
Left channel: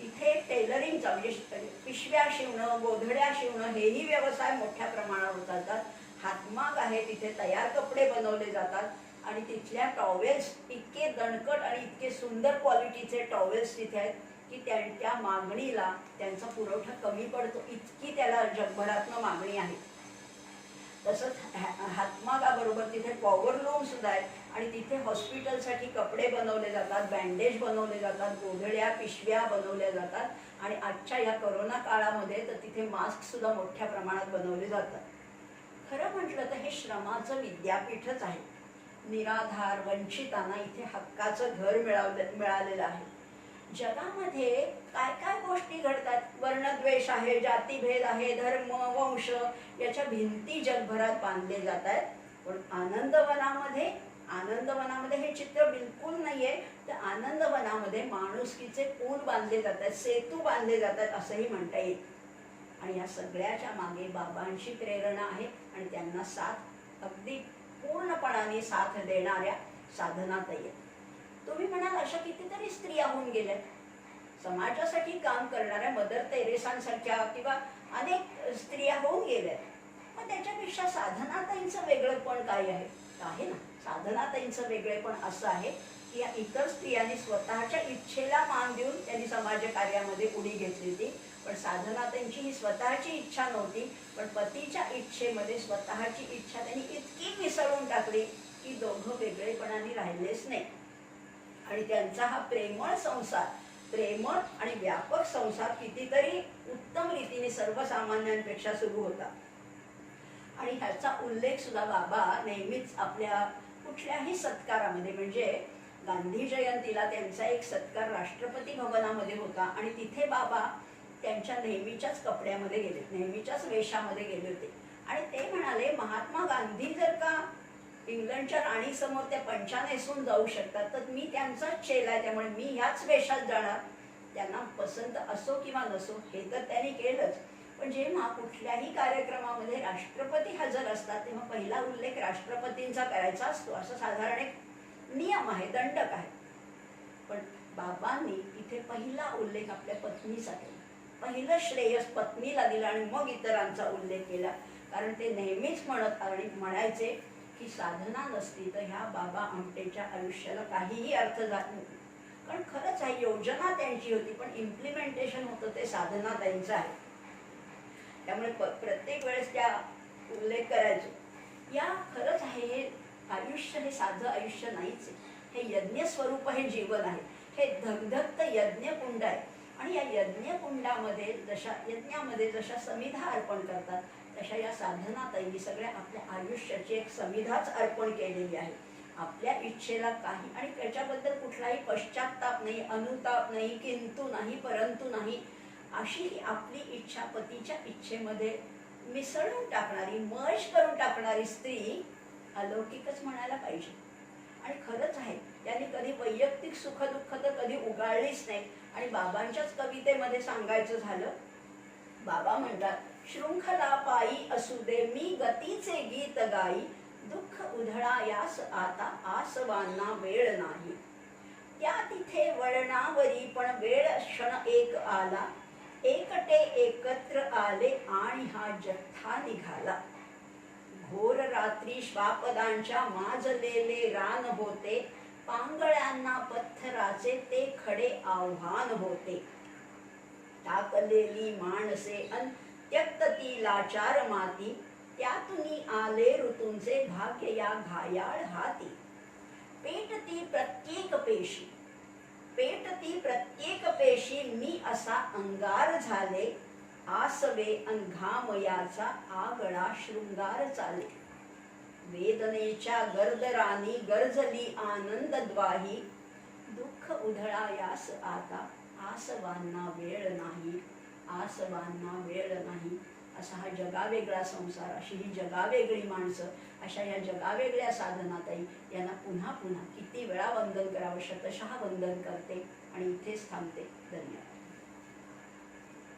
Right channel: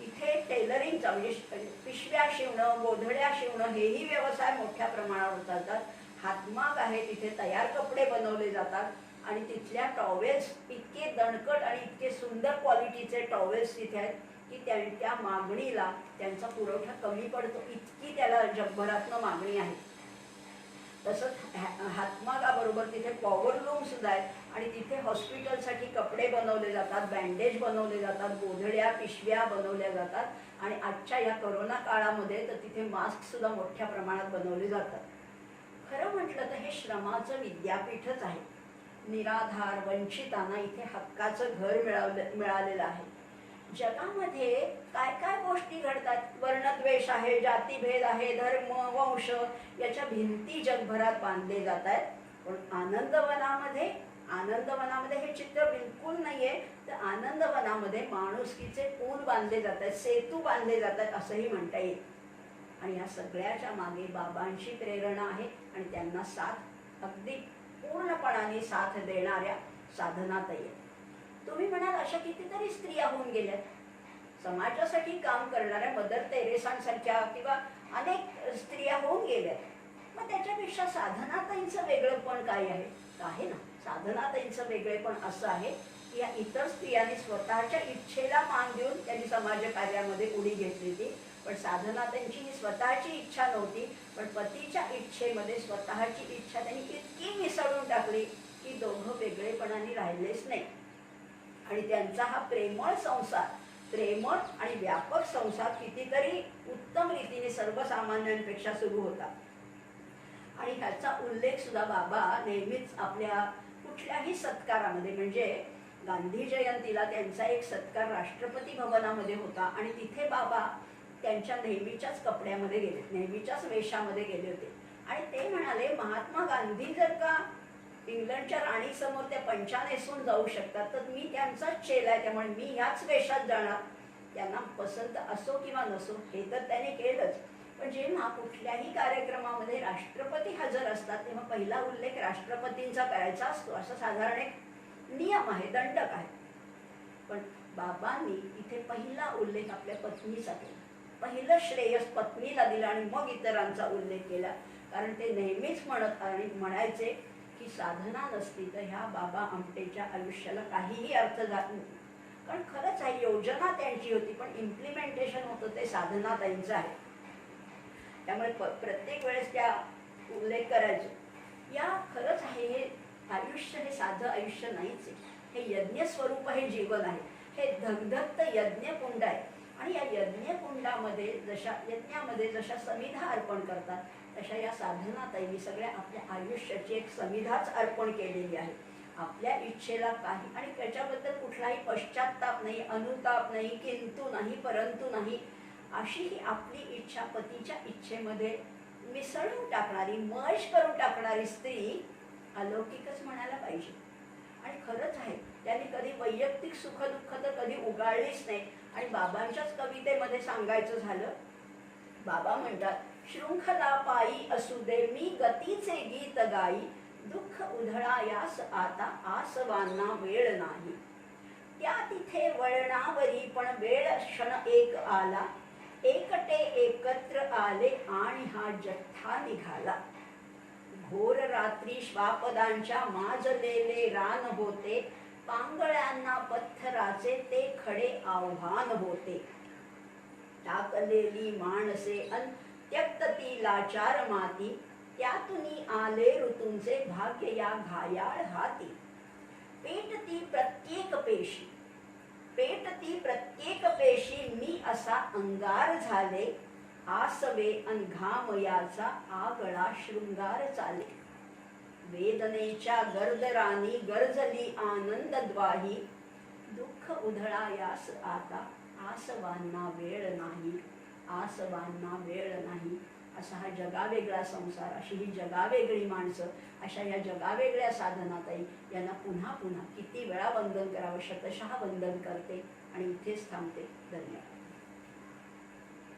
इथे टेलरिंगचा म्हणजे पिशव्या शिवणं, गोधड्या शिवणं हेही व्यवसाय मोठ्या प्रमाणावर चालतात. हातमाग आहे, तिथे तयार कपडे बनवले जातात. आणि तिथल्या टॉवेल्स इतके दणकट आणि इतके सुंदर क्वालिटीचे टॉवेल्स तिथे आहेत की त्या मागणीला त्यांचा पुरवठा कमी पडतो, इतकी त्याला जगभरातनं मागणी आहे. तसंच हातमागाबरोबर तिथे पॉवरलूम सुद्धा आहेत. आणि तिथे हॉस्पिटलसाठी कपडे बनवले जातात, बँडेज बनवले जातात, गोधड्या पिशव्या बनवल्या जातात. आणि आजच्या या कोरोना काळामध्ये तर तिथे मास्क सुद्धा मोठ्या प्रमाणात बनवले जातात. खरं म्हटलं तर हे श्रमाचं विद्यापीठच आहे. निराधार वंचितांना इथे हक्काचं घर मिळालेलं आहे. जगामध्ये काय काय गोष्टी घडतात, वर्णद्वेष आहे, जातीभेद आहे, धर्म वंश याच्या भिंती जगभरात बांधले जात आहेत. पण आनंदवनामध्ये हे चित्र बिलकुल नाहीये. तर आनंदवनामध्ये माणुसकीचे पूल बांधले जात आहेत, सेतू बांधले जातात असंही म्हणता येईल. आणि या सगळ्याच्या मागे बाबांची प्रेरणा आहे. आणि त्यांना साथ अगदी पूर्णपणाने साथ देणाऱ्या साधनाताई. तुम्ही म्हणाल अशा कितीतरी स्त्रिया होऊन गेल्यात समाजासाठी काम करणाऱ्या, मदर तेरेसांसारख्या किंवा अनेक स्त्रिया होऊन गेल्यात. मग त्याच्यापेक्षा साधनाताईंचं वेगळेपण काय आहे? आहे ना, साधनाताईंचं वेगळेपण असं आहे की या इतर स्त्रियांनी स्वतःच्या इच्छेला मान देऊन त्यांनी समाजकार्यामध्ये उडी घेतली होती. पण साधनाताईंची ही स्वतःची इच्छा नव्हती, पण पतीच्या इच्छेमध्ये स्वतःची इच्छा त्यांनी इतकी मिसळून टाकली की दोघं वेगळेपणाने राहिलेच नाही. आणि त्यांचा हा प्रेमळ संसार, प्रेमळ आणि व्यापक संसार कितीतरी उत्तम रीतीने सर्वसामान्यांपेक्षा सुरू होता. आणि ह्याचा उल्लेख सुद्धा बाबा नेहमीच आपल्या कुठल्याही सत्कारामध्ये, म्हणजे गांधी जयंतीला त्यांचा एक सत्कार राष्ट्रपती भवनामध्ये होता. आणि तिथे बाबा त्यांच्या नेहमीच्याच कपड्यामध्ये गेले, नेहमीच्याच वेशामध्ये गेले होते. आणि ते म्हणाले, महात्मा गांधी जर का इंग्लंडच्या राणीसमोर त्या पंचा नेसून जाऊ शकतात, तर मी त्यांचाच चेला आहे, त्यामुळे मी ह्याच वेशात जाणार. त्यांना पसंत असो किंवा नसो, हे तर त्यांनी केलंच. पण जेव्हा कुठल्याही कार्यक्रमामध्ये राष्ट्रपती हजर असतात तेव्हा पहिला उल्लेख राष्ट्रपतींचा करायचा असतो, असं साधारण एक नियम आहे, दंडक आहे. पण बाबांनी इथे पहिला उल्लेख आपल्या पत्नीचा केला. पहिलं श्रेयस पत्नीला दिलं आणि मग इतरांचा उल्लेख केला. कारण ते नेहमीच म्हणायचे की साधना नसती तर ह्या बाबा आमटेच्या आयुष्याला काहीही अर्थ जात नाही. कारण खरंच आहे, योजना त्यांची होती, पण इम्प्लिमेंटेशन होतं ते साधनाताईंचं आहे. त्यामुळे प्रत्येक वेळेस त्या उल्लेख करायचे. या खरंच आहे, हे आयुष्य हे साधं आयुष्य नाहीच आहे. हे यज्ञ स्वरूप हे जीवन आहे. हे धगधगत यज्ञकुंड आहे. आणि या यज्ञामध्ये जशा समिधा अर्पण करतात, तशा या साधनाताईंनी सगळ्या आपल्या आयुष्याची एक समिधाच अर्पण केलेली आहे. आपल्या इच्छेला काही, आणि त्याच्याबद्दल कुठलाही पश्चात्ताप नाही, अनुताप नाही, किंतु नाही, परंतु नाही, अशी ही आपली इच्छा पतीच्या इच्छेमध्ये मिसळून टाकणारी, मर्ज करून टाकणारी स्त्री अलौकिकच म्हणायला पाहिजे. आणि खरंच आहे, त्यांनी कधी वैयक्तिक सुखदुःख तर कधी उगाळलीच नाही. आणि बाबांच्याच कवितेमध्ये सांगायचं झालं, बाबा म्हणतात, शृंखला पायी असू दे मी गतीचे गीत गाई, दुःख उधळा यास आता आसवांना वेळ नाही. त्या तिथे वळणावरी पण वेळ क्षण एक आला, एकटे एकत्र आले आणि हा जथ्था निघाला. रात्री श्वापदांच्या माजलेले रान होते, पांगळ्यांना पत्थराचे ते खडे आव्हान होते. टाकलेली माणसे अन त्यक्त ती लाचार माती, त्यातुनी आले ऋतूंचे भाग्य या घायाळ हाती. पेटती प्रत्येक पेशी, पेटती प्रत्येक पेशी, मी असा अंगार झाले, आसवे अन घाम याचा आगळा शृंगार चाले. वेदनेच्या गर्दरानी गरजली आनंद द्वाही, दुःख उधळायास आता आसवांना वेळ नाही, आसवांना वेळ नाही. असा हा जगावेगळा संसार, अशी ही जगावेगळी माणसं, अशा या जगावेगळ्या साधनाताई यांना पुन्हा पुन्हा किती वेळा वंदन करावं, शतशः वंदन करते आणि इथेच थांबते. धन्यवाद.